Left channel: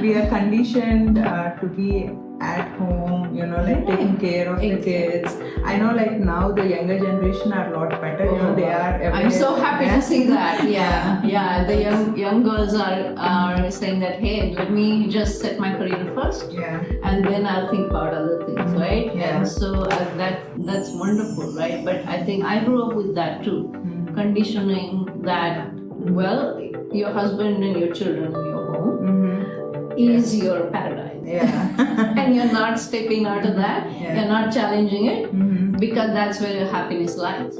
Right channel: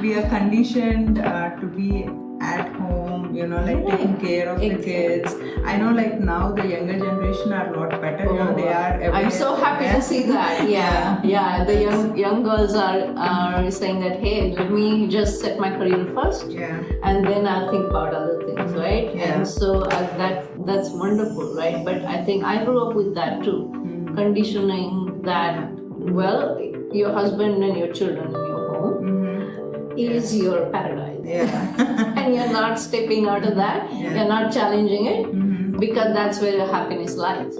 we are conditioned to be at home, like taking care of the kids. I know, like now the younger generation are a lot better. They are. I'm so happy to see that. Yeah. The young girls are saying that, hey, let me just set my career first, and then I'll think about other things, right? Yeah. And so that's wonderful, right? But I think I grew up with that too, conditioning that, well, your husband and your children in your home is your paradise. And you're not stepping out of that, you're not challenging it, because that's where your happiness lies.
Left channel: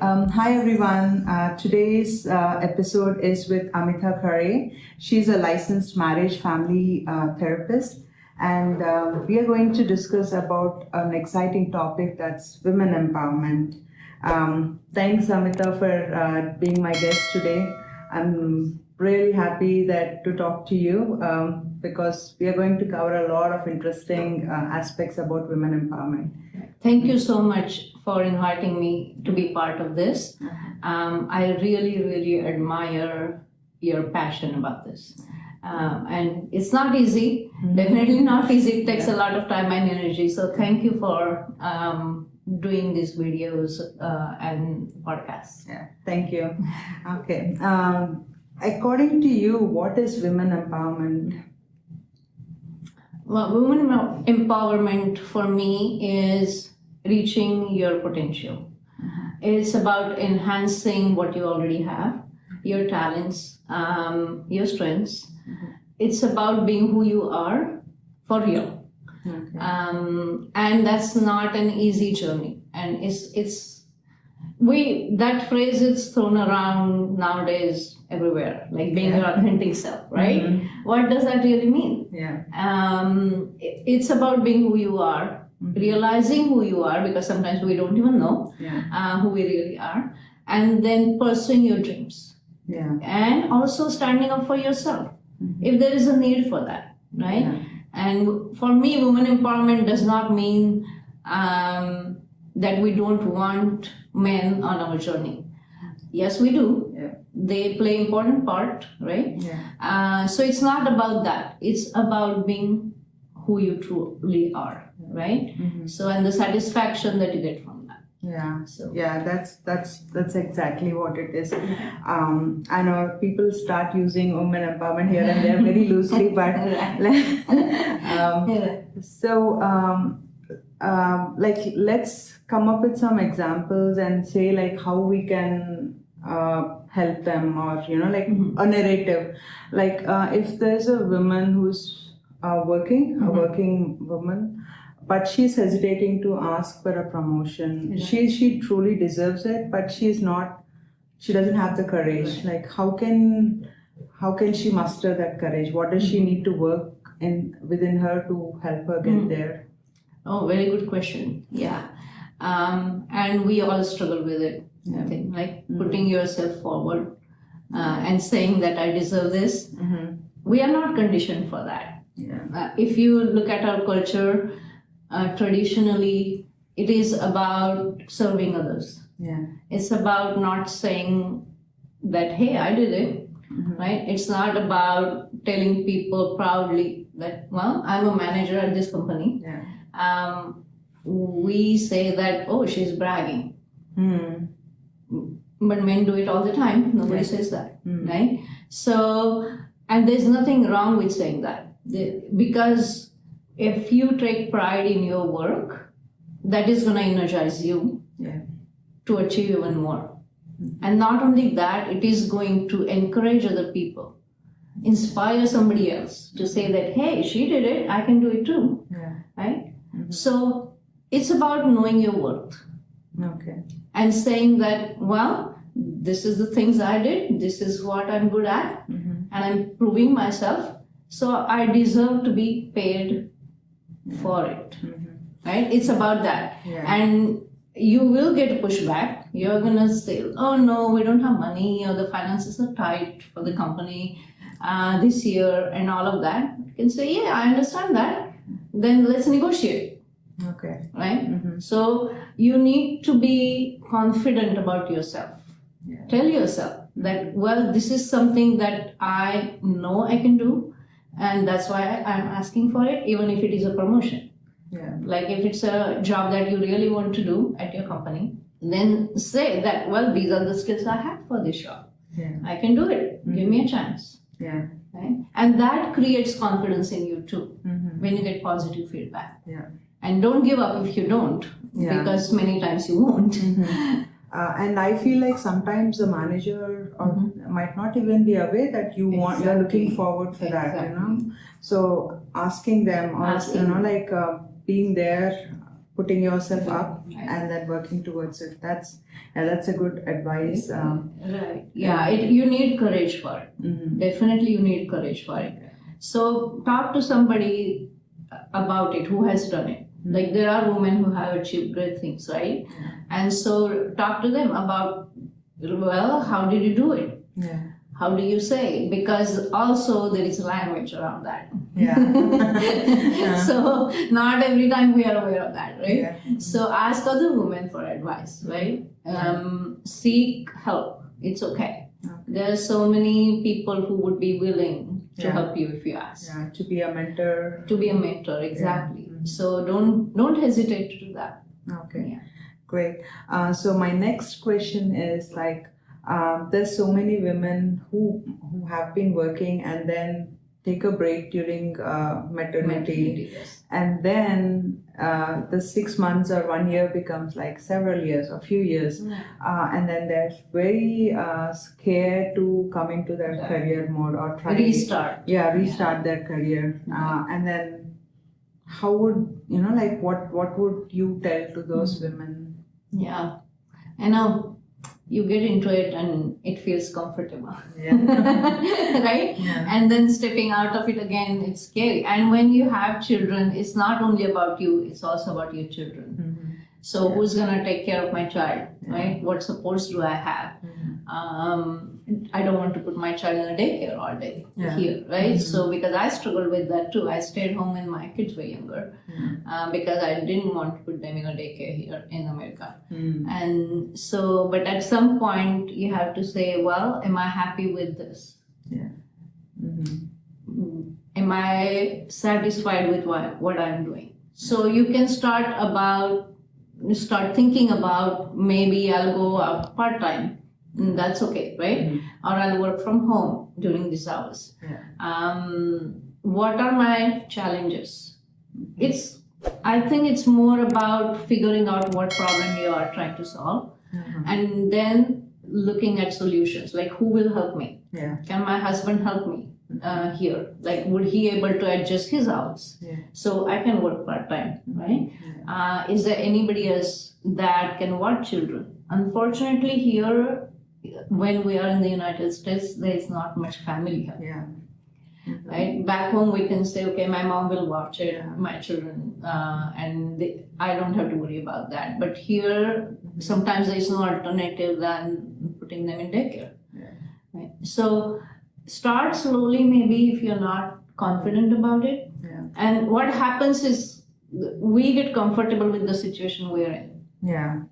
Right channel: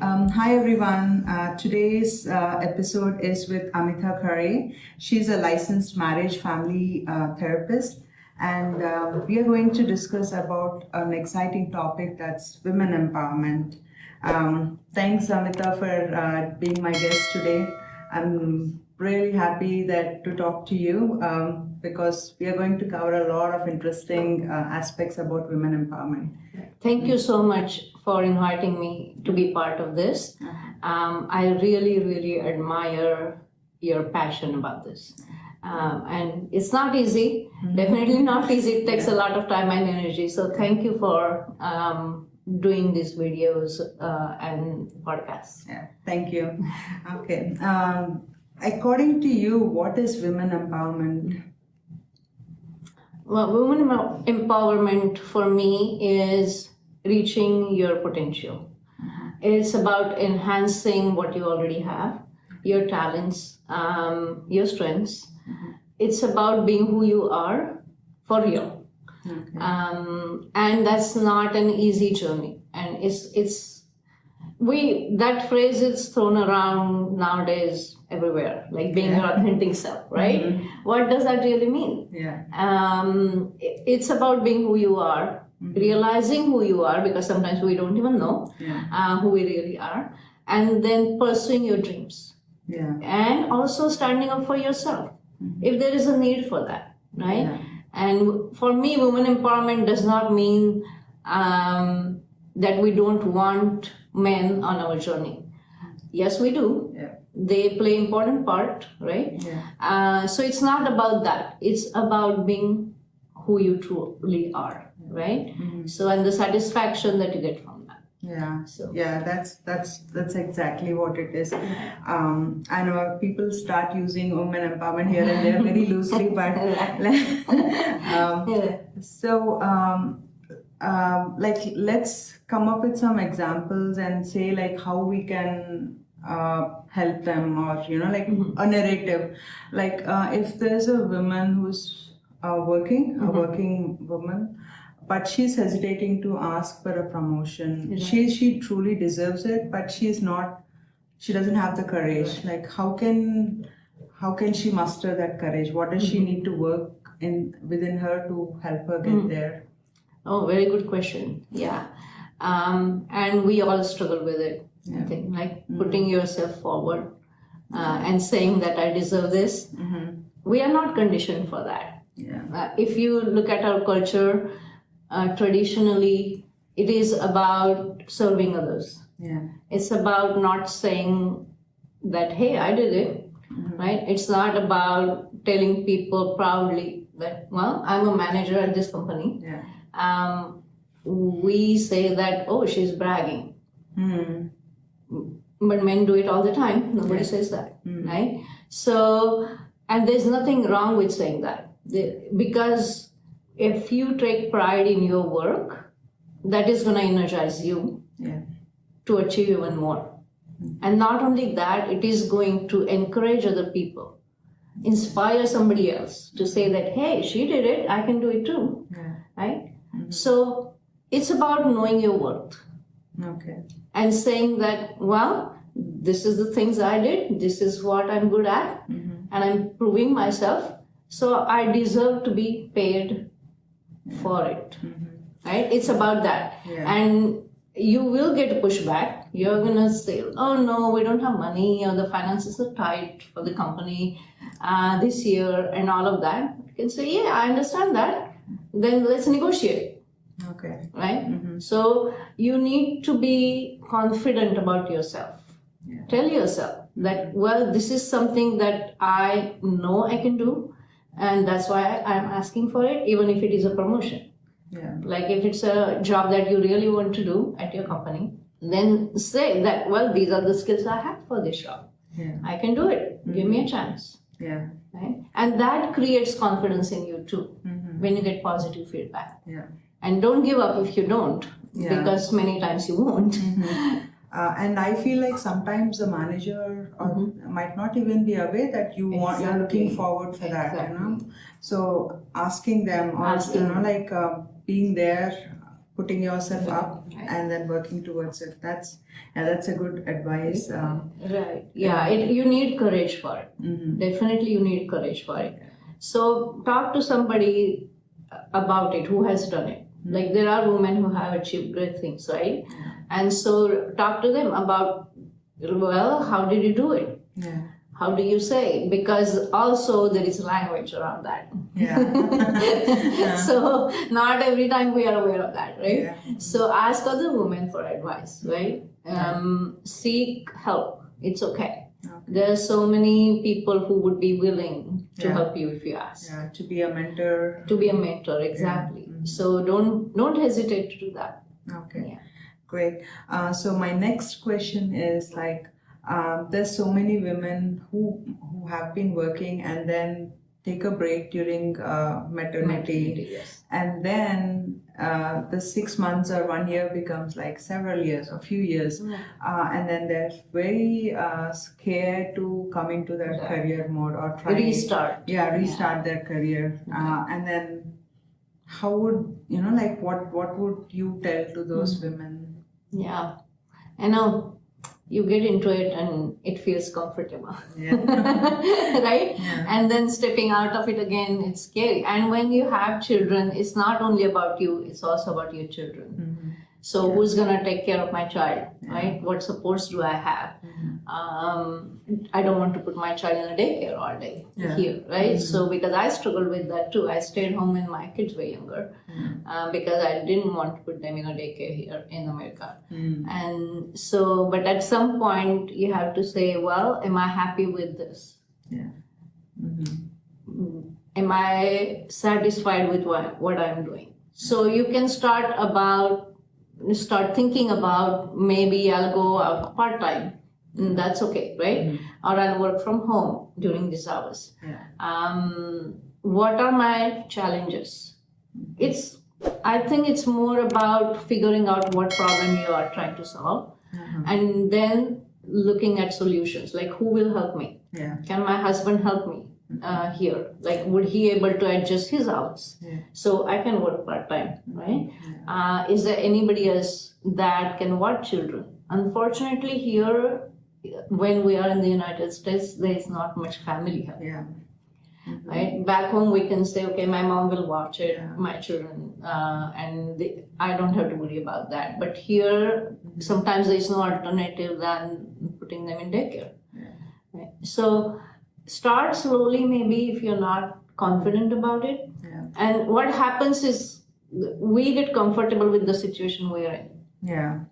Hi everyone. Today's episode is with Amita Khare. She's a licensed marriage family therapist, and we are going to discuss about an exciting topic, that's women empowerment. Thanks Amita for being my guest today. I'm really happy to talk to you because we are going to cover a lot of interesting aspects about women empowerment. Thank you so much for inviting me to be part of this. I really, really admire your passion about this. And it's not easy, definitely not easy. It takes a lot of time and energy. So thank you for doing these videos and podcasts. Yeah, thank you. Okay. According to you, what is women empowerment? Well, women empowerment for me is reaching your potential. It's about enhancing what you already have, your talents, your strengths. It's about being who you are for real. Okay. And that's not an easy journey. And that phrase is thrown around nowadays everywhere, like being your authentic self, right? What does that really mean? It's about being who you are, realizing who you are, because sometimes we don't even know who we really are, and then pursuing your dreams. And also standing up for yourself if there is a need for that, right? And for me, women empowerment does not mean that we don't want men on our journey. Yes, we do. They play important part, right? So it's not about that. It's about being who you truly are, right? So, and the satisfaction that you get from that. That's exactly what it is. I know people start using women empowerment here and there very loosely, but let's come up with some examples and say like how we can help them, or a narrative. Like if there's a woman who's a working woman, but she's hesitating to ask for a promotion. She truly deserves it, but she doesn't have the courage. Like how can she muster that courage? What does she need to work within her to help her get there? Oh, very good question. And we all struggle with it. I think, like putting yourself forward and saying that I deserve this. We are not conditioned for that. If you look at our culture, traditionally, it is about serving others. It's about not saying that, hey, I did it, right? It's not about telling people proudly that, well, I'm a manager at this company. We say that, oh, she's bragging. But men do it all the time. Nobody says that, right? So, and there's nothing wrong with saying that. Because if you take pride in your work, that is going to energize you to achieve even more. And not only that, it is going to encourage other people, inspire somebody else to say that, hey, she did it, I can do it too, right? So it's about knowing your worth. And saying that, well, this is the things I did, this is what I'm good at, and I'm proving myself, so I deserve to be paid for it, right? It's about that. And you will get pushback. You're gonna say, oh no, we don't have money, or the finances are tight for the company this year, and all of that. You can say, yeah, I understand that, then let's negotiate. Right? So you need to be confident about yourself. Tell yourself that, well, this is something that I know I can do, and that's why I'm asking for it, even if it is a promotion. Yeah. Like if it's a job that you really want to do at your company, then say that, well, these are the skills I have for this job. Yeah. I can do it. Give me a chance. Yeah. Right? And that creates confidence in you too when you get positive feedback. Yeah. And don't give up if you don't, because many times you won't. And I feel like sometimes the manager might not even be aware that you're looking forward for that, you know. So asking them, or you know, like being there, putting yourself up, and then working towards it. That's a good advice. Right. Yeah. You need courage for it. Definitely, you need courage for it. So talk to somebody about it who has done it. Like there are women who have achieved great things, right? And so talk to them about, well, how did you do it? Yeah. How do you say? Because also there is language around that. Yeah. So not every time we are aware of that, right? Yeah. So ask other women for advice, right? Seek help. It's okay. There are so many people who would be willing to help you if you ask. Yeah, to be a mentor. To be a mentor, exactly. So don't hesitate to do that. Okay. Yeah. Great. So my next question is like, there's so many women who have been working and then take a break during maternity, Yes. and then the 6 months or 1 year becomes like several years or few years, and then they're very scared to come into their career mode or try Restart. restart their career, and then how would you know, like what would you tell to those women? Yeah, I know. You get into it and it feels comfortable. Yeah. Right? Yeah. And then stepping out of it again, it's scary. And when you have children, it's not only about you, it's also about your children. So who's gonna take care of my child, right? What supports do I have? I don't want to put my child in a daycare all day here, right? So because I struggled with that too. I stayed home when my kids were younger because I didn't want to put them in a daycare here in America. And so, but at some point you have to say, well, am I happy with this? Yeah. Am I satisfied with what I'm doing? So you can start thinking about, maybe I'll go out part-time. That's okay, right? Or I'll work from home during these hours. What are my challenges? I think it's more about figuring out what problem you are trying to solve, and then looking at solutions, like who will help me? Can my husband help me here? Like, would he able to adjust his hours so I can work part-time, right? Is there anybody else that can watch children? Unfortunately, here, when we are in the United States, there is not much family help. Right? Back home, we can say, okay, my mom will watch it, my children, and I don't have to worry about that. But here, sometimes there is no alternative than putting them in daycare. Right? So start slowly, maybe, if you're not confident about it. And what happens is we get comfortable with the situation we're in.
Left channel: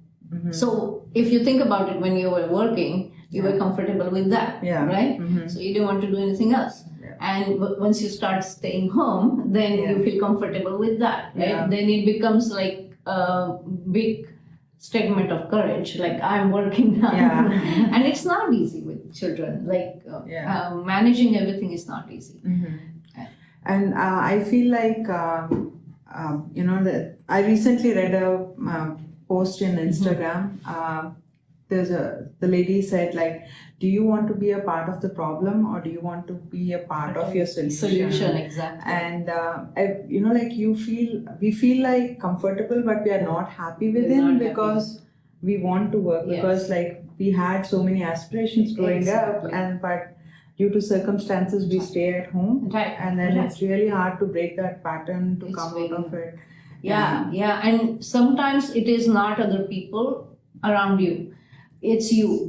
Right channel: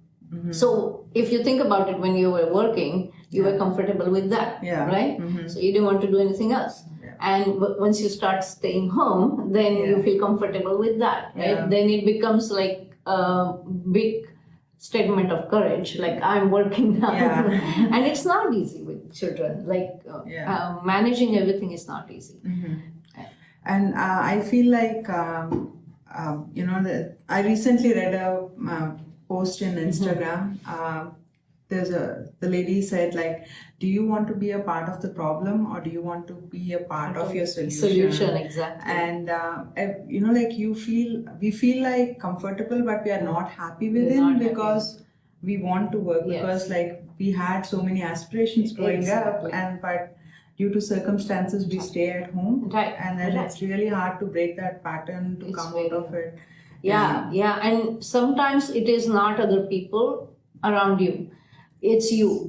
So if you think about it, when you were working, you were comfortable with that, right? So you didn't want to do anything else. And once you start staying home, then you feel comfortable with that, right? Then it becomes like a big statement of courage, like I'm working now. And it's not easy with children, like managing everything is not easy. And I feel like, you know, I recently read a post in Instagram. The lady said, like, do you want to be a part of the problem, or do you want to be a part of your solution? Exactly. And you know, like we feel like comfortable, but we are not happy within because we want to work, because like we had so many aspirations growing up, and but due to circumstances we stay at home, and then it's really hard to break that pattern to come out of it. And sometimes it is not other people around you, it's you.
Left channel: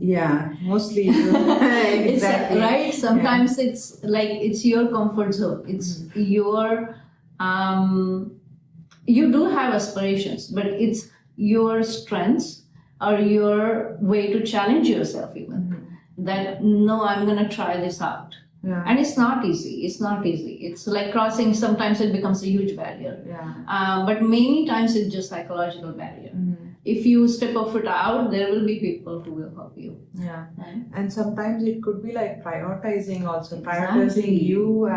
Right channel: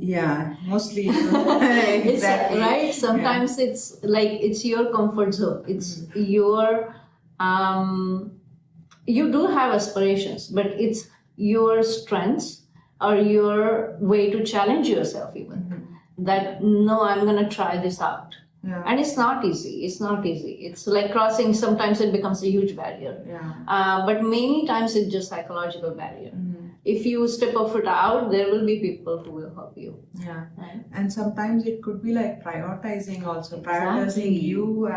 Mostly you. Exactly. Right? Sometimes it's like, it's your comfort zone. It's your, you do have aspirations, but it's your strengths or your way to challenge yourself even. that no, I'm going to try this out. Yeah. And it's not easy. It's not easy. It's like crossing. Sometimes it becomes a huge barrier. Yeah. But many times it's just psychological barrier. If you step a foot out, there will be people who will help you. Yeah. Right? And sometimes it could be like prioritizing also. Exactly. Prioritizing you,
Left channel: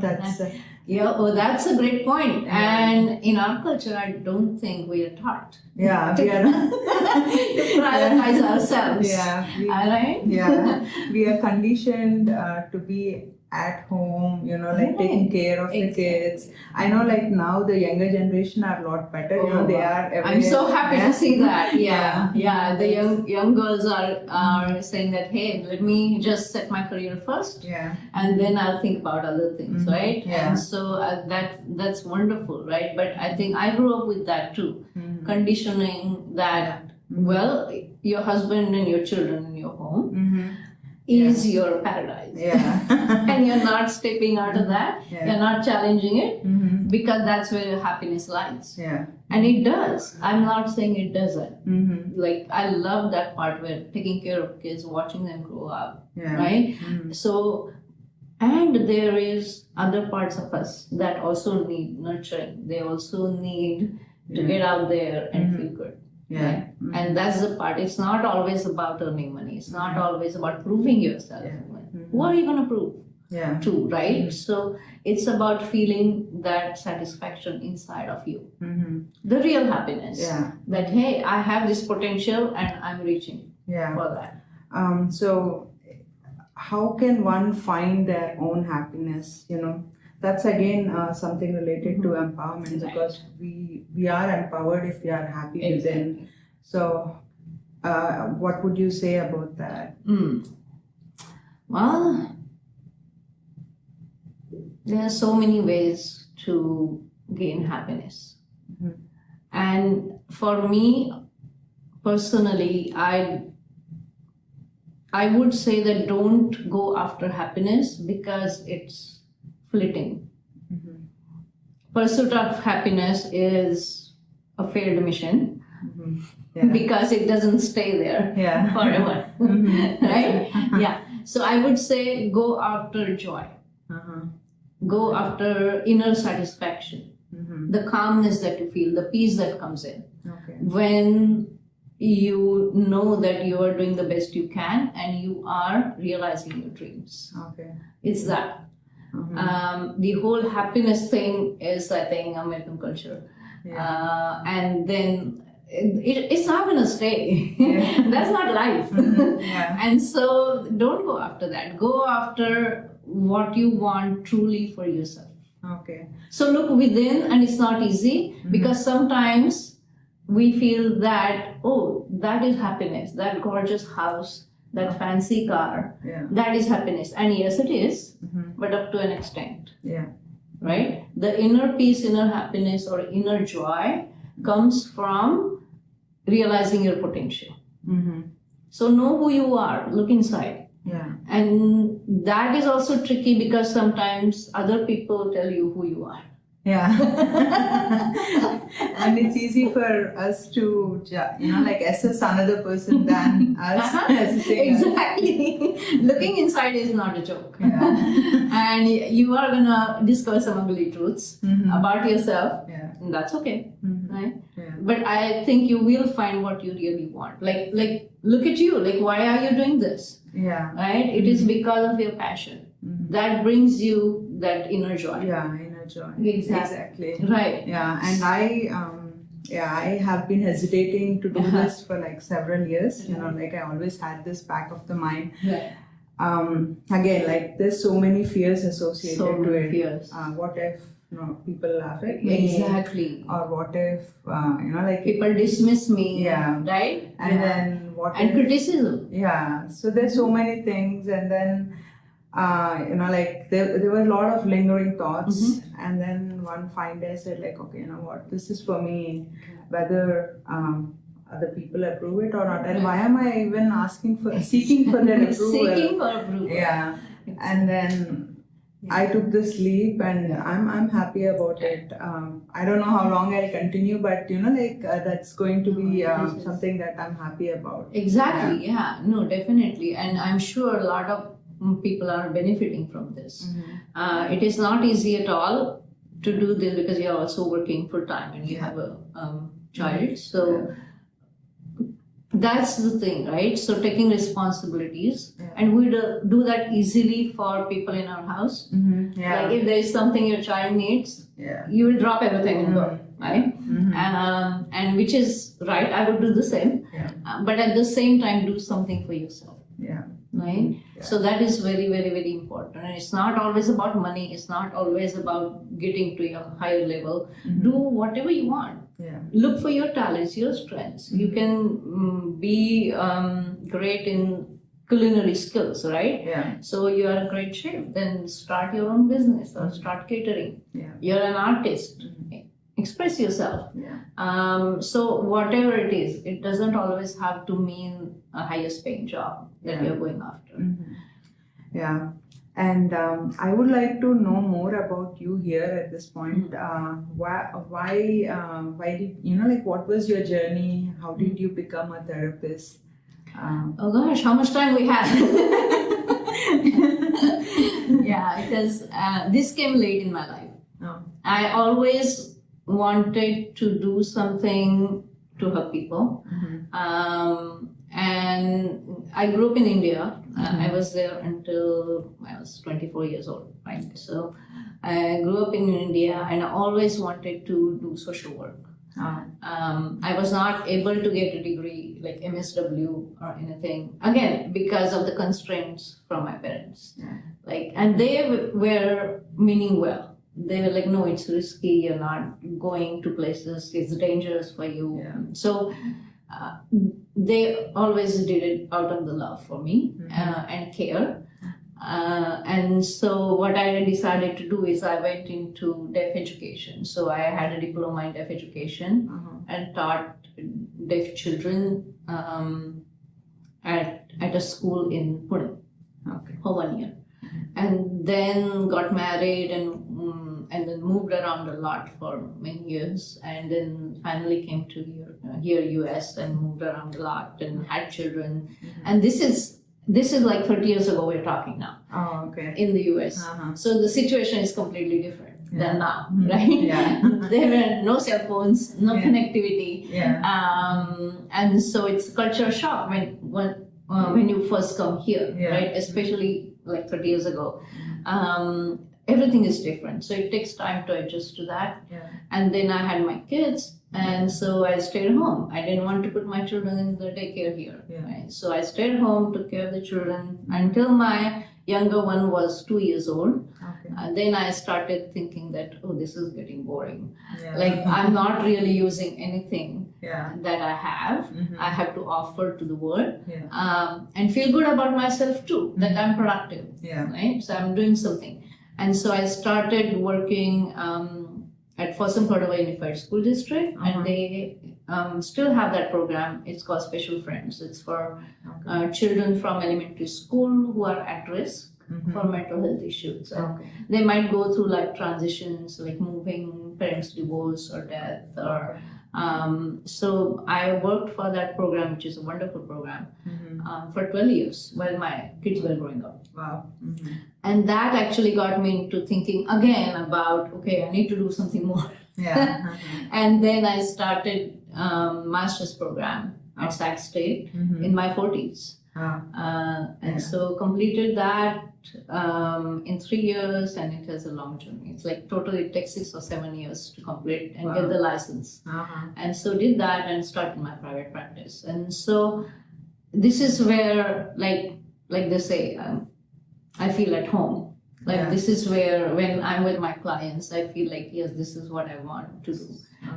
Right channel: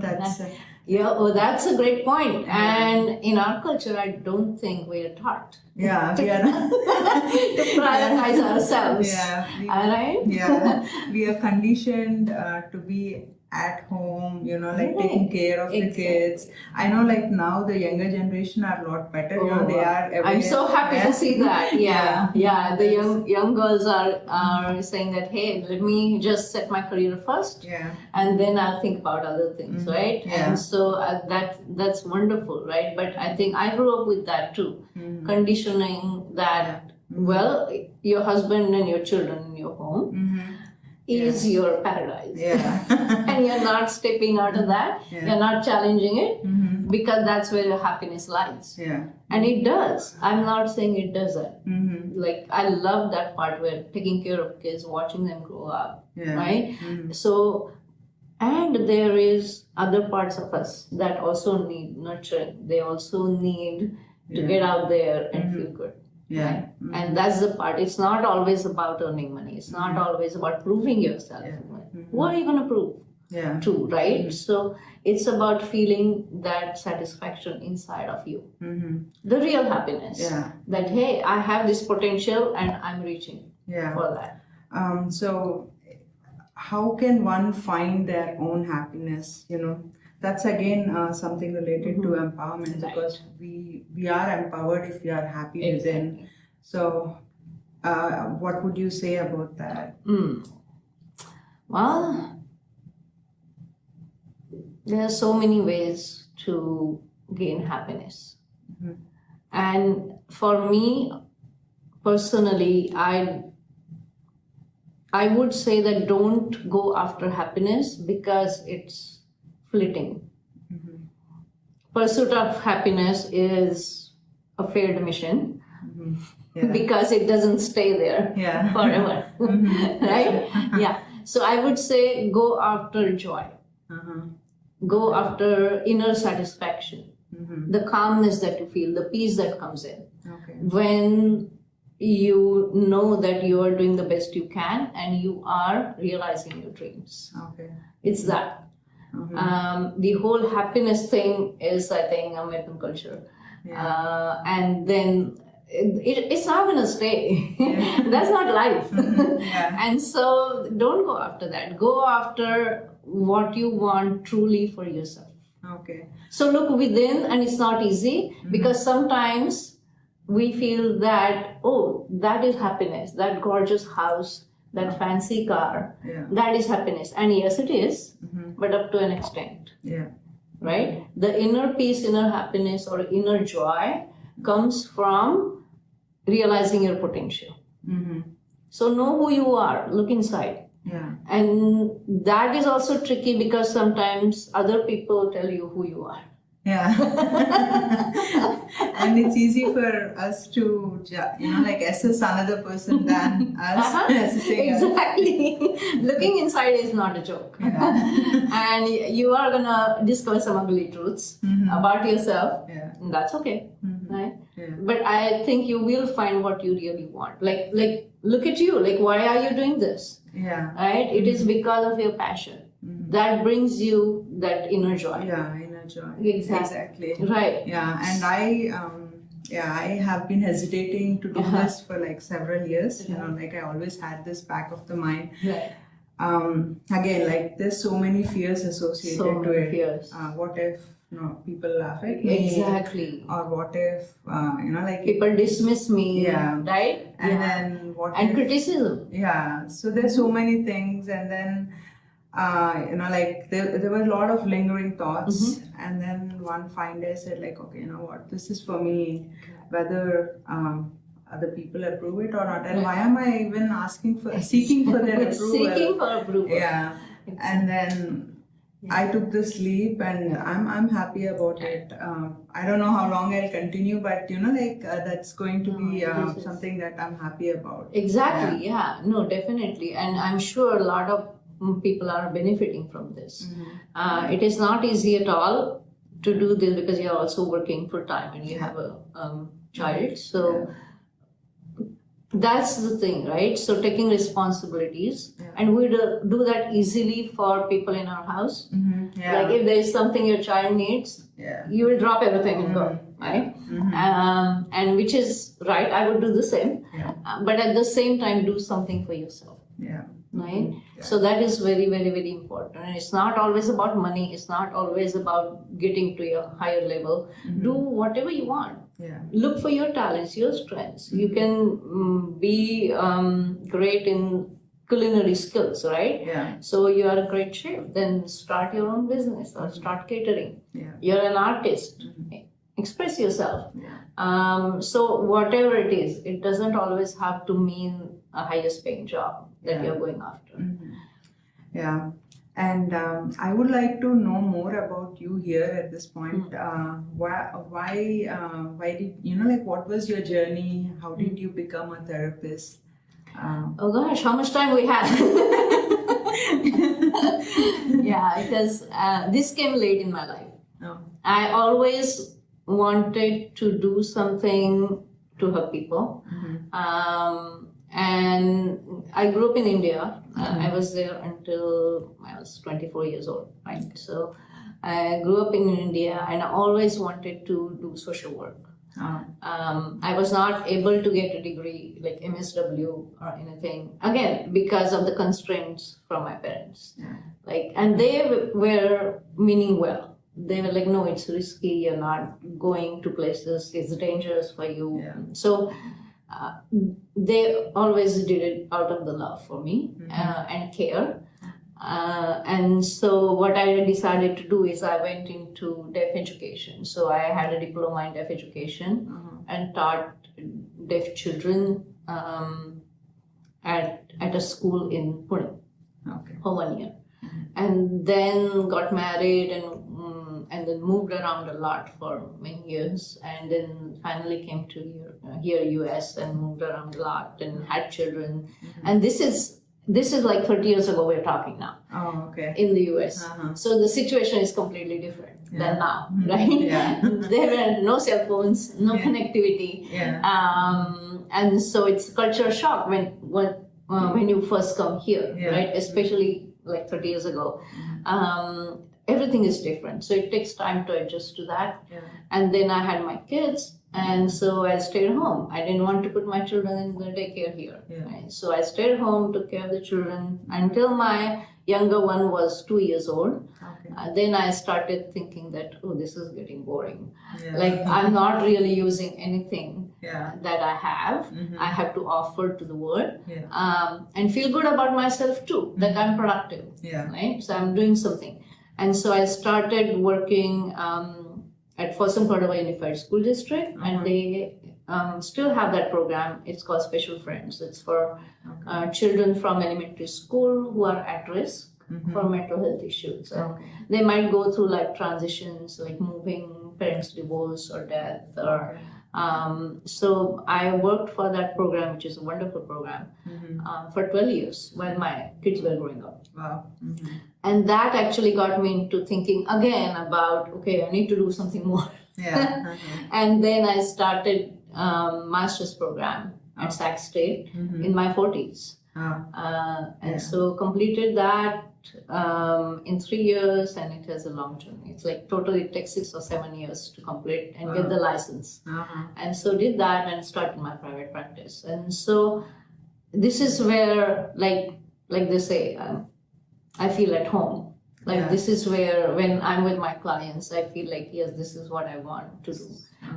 that's... Yeah, well, that's a great point. And in our culture, I don't think we are taught yeah, to, we are to prioritize ourselves. Yeah. All right? Yeah. We are conditioned to be at home, like taking care of the kids. I know like now the younger generation are a lot better, they are aware. I'm so happy to see that. Yeah. The young girls are saying that, hey, let me just set my career first. Yeah. And then I'll think about other things, right? Yeah. And so that's wonderful, right? But I think I grew up with that too. Conditioning that, well, your husband and your children in your home is your paradise. Yeah. And you're not stepping out of that. Yeah. You're not challenging it because that's where your happiness lies. Yeah. And it does. I'm not saying it doesn't. Mm-hmm. Like, I love that part where taking care of kids, watching them grow up, Yeah. right? So, and there is other parts of us that also need nurturing. They also need to get out there and feel good. Yeah. Right? And that's the part. It's not always about earning money. It's not always about proving yourself. What are you going to prove? Yeah. To, right? So it's about feeling that satisfaction inside of you. The real happiness. Yeah. That, hey, I have this potential and I'm reaching for that. So how can one find their own happiness? That's again something related to empowerment, because we are empowered if we are happy within. So what would you say about that? Well, there are so many ways to gain happiness. And for me, personally, I would say that don't go after happiness because it's fleeting. Pursuit of happiness is a failed mission because it doesn't stay there forever. Right? Yeah. So I would say go after joy. Go after inner satisfaction. The calmness that you feel, the peace that comes in. When you know that you are doing the best you can and you are realizing your dreams. It's that. The whole happiness thing is, I think, American culture. And then it's not going to stay. That's not life. And so don't go after that. Go after what you want truly for yourself. So look within, and it's not easy because sometimes we feel that, oh, that is happiness, that gorgeous house, that fancy car, that is happiness. And yes, it is, but up to an extent. Right? The inner peace, inner happiness, or inner joy comes from realizing your potential. So know who you are, look inside. And that is also tricky because sometimes other people tell you who you are. And it's easy for us to, assess another person than us. Exactly. Looking inside is not a joke. And you are going to discover some ugly truths about yourself. And that's okay. Right? But I think you will find what you really want. Like look at you. Like, why are you doing this? Right? It is because of your passion. That brings you that inner joy. Inner joy. Exactly. Right. And I have been hesitating to do this for like several years. I always had this back of the mind. Again, like there's so many fears associated to it. Fears. What if people laugh at me? Exactly. Or what if people dismiss me? Right? And then what and if criticism? So there's so many things, and then there were a lot of lingering thoughts, and then one fine day I said, like, okay, you know what, this is for me, whether other people approve it or not, and why am I even seeking for their approval? Seeking for approval. And then I took this leap and I'm happy about it. I don't know how long I'll continue, but that's going to be this is- something that I'm happy about. Exactly, yeah. No, definitely. And I'm sure a lot of people are benefiting from this. It is not easy at all to do this because you're also working full time and you have a child. So that's the thing, right? So taking responsibilities, and we do that easily for people in our house. Like if there is something your child needs, you will drop everything and go, right? And which is right. I would do the same, but at the same time, do something for yourself. Right? So that is very, very, very important. And it's not always about money. It's not always about getting to your higher level. Do whatever you want. Look for your talents, your strengths. You can be great in culinary skills, right? So you are a great chef. Then start your own business or start catering. You're an artist. Express yourself. So whatever it is, it doesn't always have to mean a highest paying job that you're going after. And I would like to know more about you here at this point. Why did what was your journey? How did you become a therapist? Oh gosh, how much time we have? Because this came late in my life. I always wanted to do something to help people. And I grew up in India. I was there until I was 24 years old, right? So I grew up in India and I always wanted to do social work. I was not able to get a degree like MSW or anything, again, because of the constraints from my parents. And they were meaning well. They were like, no, it's risky, you're not going to places, it's dangerous for you. So they always did it out of the love for me and care. And so what I decided to do is I went into deaf education. So I had a diploma in deaf education and taught deaf children at a school in Pune for 1 year. And then got married and then moved around a lot for many years, and then finally came to here US and moved around a lot and had children. And this is like 30 years ago we're talking now. In the US. So the situation is completely different than now, right? There were no cell phones, no connectivity. And so it's culture shock when you first come here, right? Especially like 30 years ago. Everything is different. So it takes time to adjust to that. And then I had my kids, and so I stayed home. I didn't want to put my children in the daycare here. Right? So I stayed home, took care of the children until my younger one was 2 years old. Then I started thinking that, oh, this is getting boring. Like I'm not really using anything that I have. I have to offer to the world and feel good about myself too, that I'm productive. Right? So I'm doing something. And so I started working at Fossum Cordova Unified School District, and they still have that program. It's called Special Friends. It's for children from elementary school who are at risk for mental health issues. They might go through like transitions, like moving, parents divorce or death. Or so I worked for that program, which is a wonderful program, for 12 years while my kids were growing up. And that actually got me into thinking again about, okay, I need to do something more. And then I started master's program at Sac State in my 40s. And so completed that in 3 years, and it has a long journey. It's like totally it takes 6 or 7 years to complete and get the license. And so did that and started my private practice. And so this is where, like they say, I feel at home. Like this is where, when I'm with my clients, I feel like, yes, this is what I want to do.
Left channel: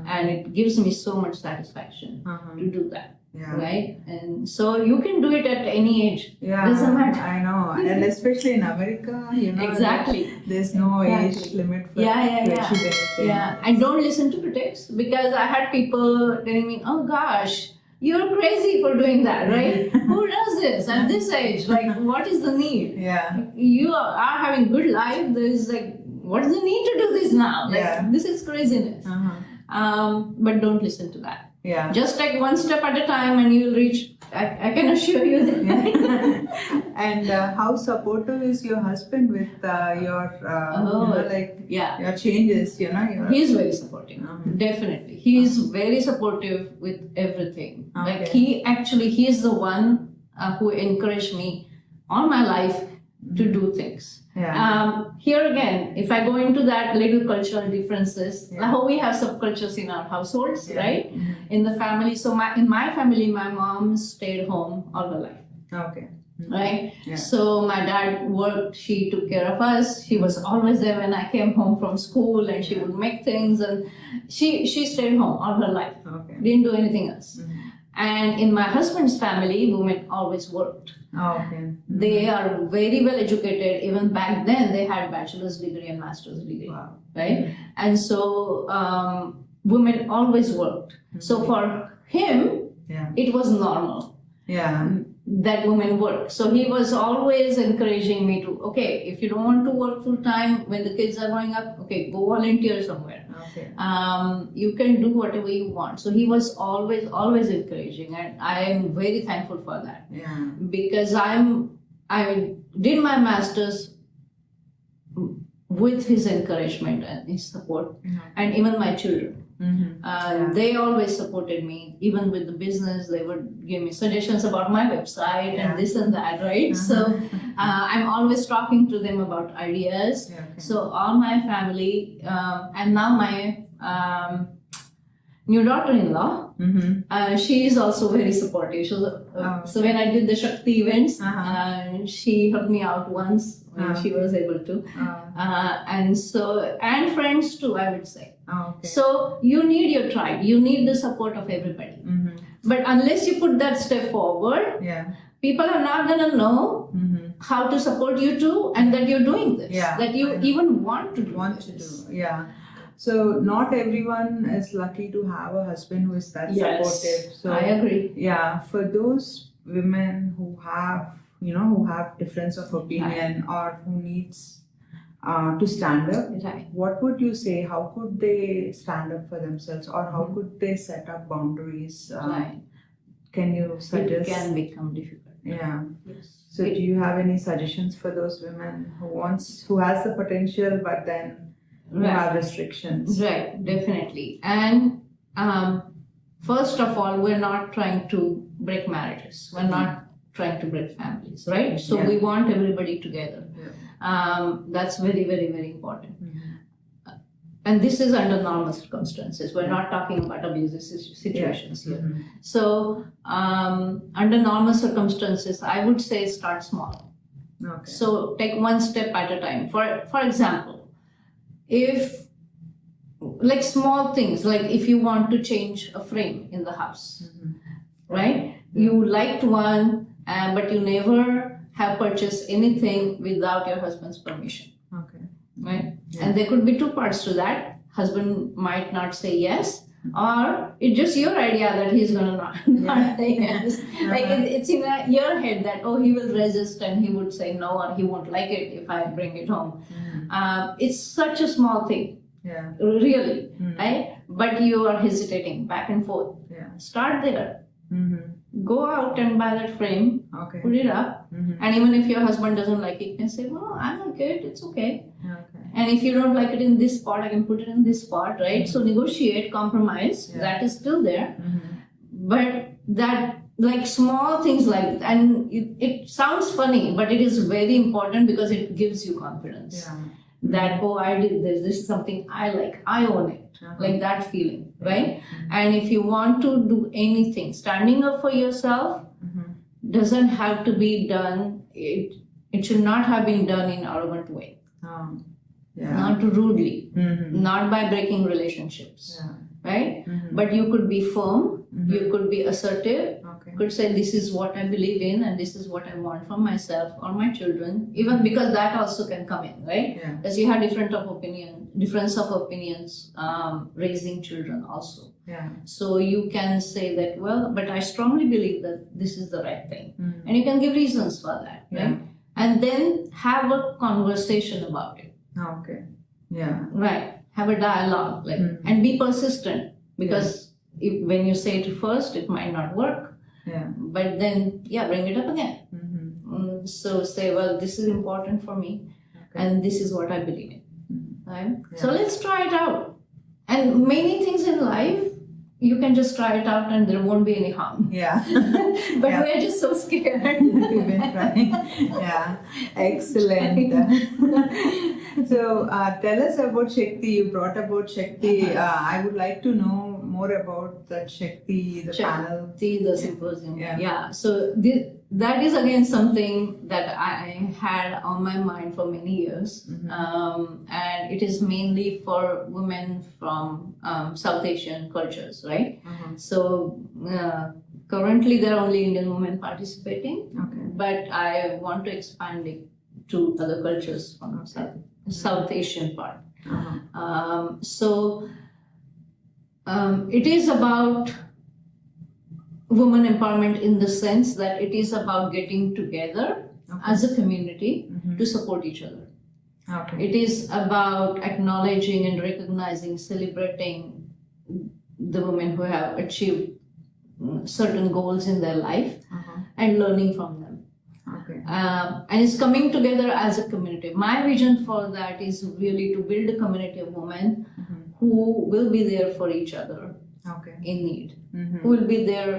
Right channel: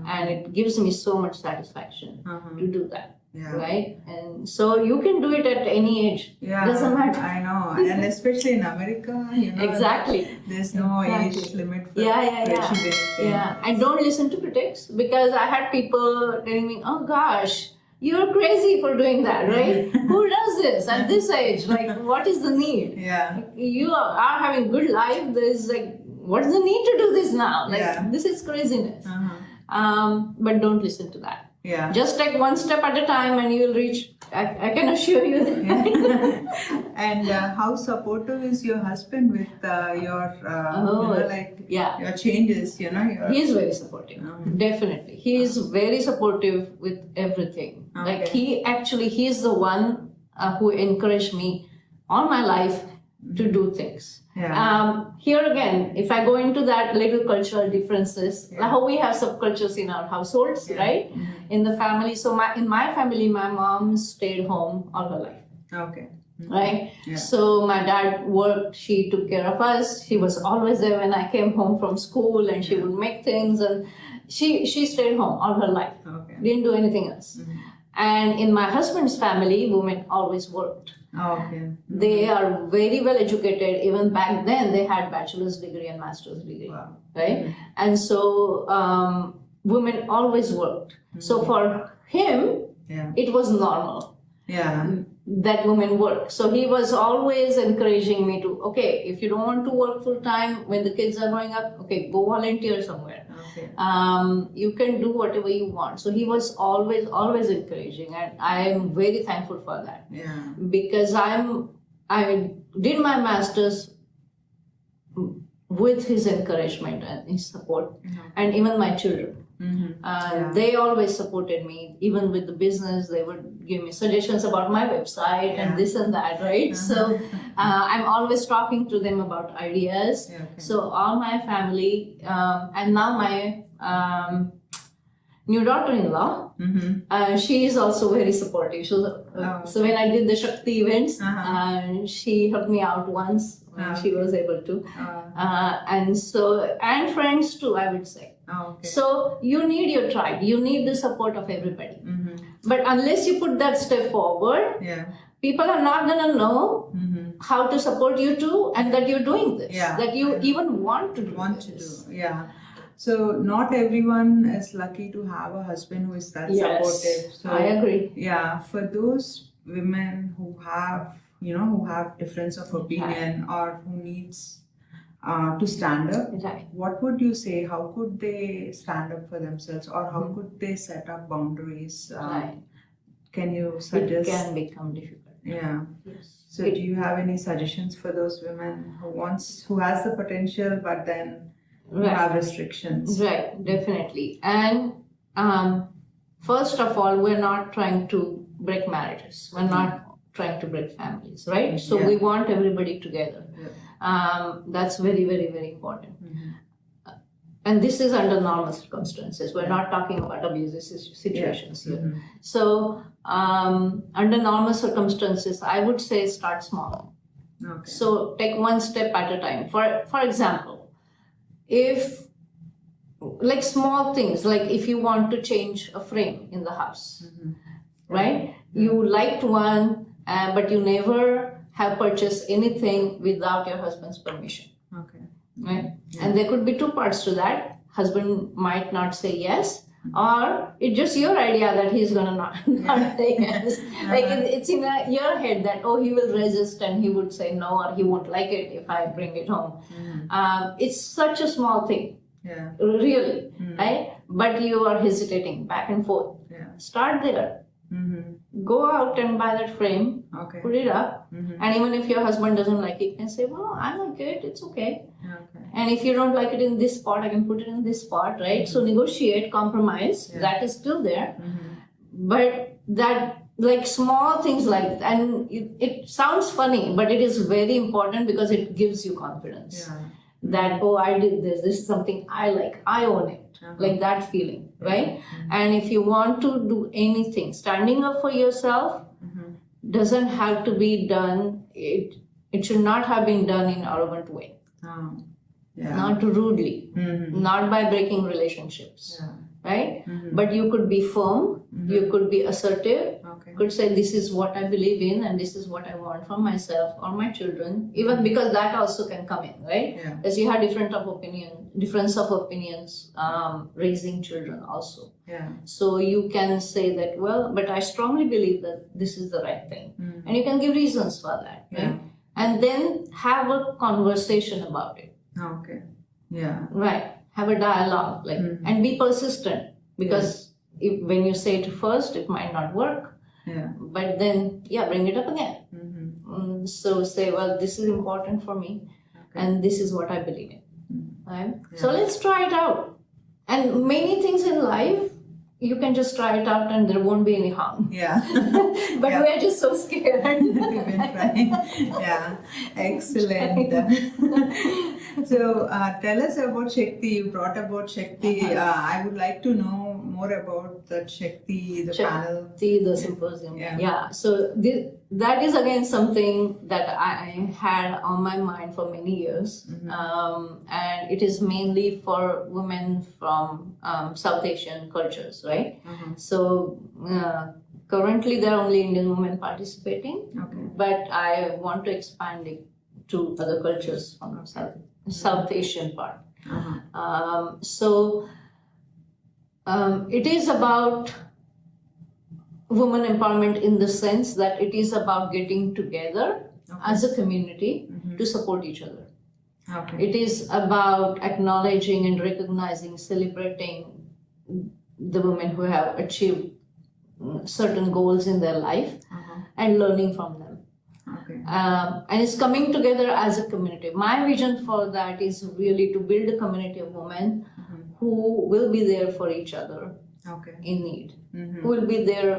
And it gives me so much satisfaction to do that. Right? And so you can do it at any age. Doesn't matter. I know. And especially in America, exactly. There's no age limit for achieving anything. And don't listen to critics, because I had people telling me, oh gosh, you're crazy for doing that, right? Who does this at this age? Like, what is the need? Yeah. You are having good life. There is like, what is the need to do this now? Like, Yeah. this is craziness. But don't listen to that. Yeah. Just take one step at a time and you will reach, I can assure you that. And how supportive is your husband with your, Yeah. your changes, Your... He's very supportive, definitely. He is very supportive with everything. Like he's the one who encouraged me all my life to do things. Yeah. Here again, if I go into that little cultural differences, how we have subcultures in our households, right? In the family. So in my family, my mom stayed home all her life. Okay. Right? Yeah. So my dad worked, she took care of us. She was always there when I came home from school and she would make things, and she stayed home all her life. Okay. Didn't do anything else. And in my husband's family, women always worked. Okay. They are very well educated. Even back then, they had bachelor's degree and master's degree, Wow. right? And so women always worked. So for him, Yeah. it was normal Yeah. that women work. So he was always encouraging me to, okay, if you don't want to work full time when the kids are growing up, okay, go volunteer somewhere. Okay. You can do whatever you want. So he was always encouraging, and I am very thankful for that. Yeah. Because I did my master's with his encouragement and his support, and even my children. They always supported me, even with the business. They would give me suggestions about my website and this and that, right? So I'm always talking to them about ideas. Yeah, okay. So all my family, and now my new daughter-in-law, she is also very supportive. So when I did the Shakti events, she helped me out once when she was able to, and friends too, I would say. Okay. So you need your tribe, you need the support of everybody. But unless you put that step forward, Yeah. people are not gonna know how to support you too, and that you're doing this, Yeah, that you even want to do do. Yeah. So not everyone is lucky to have a husband who is that supportive. So I agree. yeah, for those women who have, who have difference of opinion or who needs to stand up, Right. what would you say? How could they stand up for themselves, or how could they set up boundaries? Right. Can you suggest? It can become difficult. Yeah. Yes. So do you have any suggestions for those women who has the potential but then who have restrictions? Right, definitely. And first of all, we're not trying to break marriages. We're not trying to break families, right? So we want everybody together. That's very, very, very important. And this is under normal circumstances. We're not talking about abusive situations here. So under normal circumstances, I would say start small. Okay. So take one step at a time. For example, if like small things, like if you want to change a frame in the house, right? You liked one, but you never have purchased anything without your husband's permission, Okay. right? And there could be two parts to that. Husband might not say yes, or it's just your idea that he's gonna not say yes. Like it's in your head that, oh, he will resist and he would say no, or he won't like it if I bring it home. It's such a small thing, Yeah. really, right? But you are hesitating back and forth. Yeah. Start there. Go out and buy that frame, Okay. put it up, and even if your husband doesn't like it, you can say, well, I like it, it's okay. Okay. And if you don't like it in this spot, I can put it in this spot, right? So negotiate, compromise, that is still there. But that, like small things like, and it sounds funny, but it is very important because it gives you confidence. Yeah. That, oh, I did this is something I like, I own it. Like that feeling, right? And if you want to do anything, standing up for yourself doesn't have to be done, it should not have been done in an arrogant way, not rudely, not by breaking relationships, right? But you could be firm, you could be assertive, Okay. Could say this is what I believe in and this is what I want from myself or my children. Even because that also can come in, right? Yeah. Because you have difference of opinions, raising children also. Yeah. So you can say that, well, but I strongly believe that this is the right thing. Mm. And you can give reasons for that, right? Yeah. And then have a conversation about it, Okay. Yeah. right? Have a dialogue, like, Mm. and be persistent, because when you say it first, it might not work. Yeah. But then, bring it up again. Mm-hmm. So say, well, this is important for me, Okay. and this is what I believe in. Mhm. Right? Yeah. So let's try it out. And many things in life, you can just try it out and there won't be any harm. Yeah. But Yeah. we're just so scared. We've been trying. Yeah. Excellent. So tell us about Shakti. You brought about Shakti. I would like to know more about that Shakti, the panel. See the symposium. Yeah. So that is again something that I had on my mind for many years. Mm-hmm. And it is mainly for women from South Asian cultures, right? Uh-huh. So currently there are only Indian women participating, Okay. but I want to expand it to other cultures from South Asian part. Uh-huh. So it is about women empowerment in the sense that it is about getting together as a community Mhm. to support each other. Okay. It is about acknowledging and recognizing, celebrating the women who have achieved certain goals in their life Uh-huh. and learning from them. Okay. And it's coming together as a community. My vision for that is really to build a community of women Mhm. who will be there for each other Okay. in need, Mhm. who will be there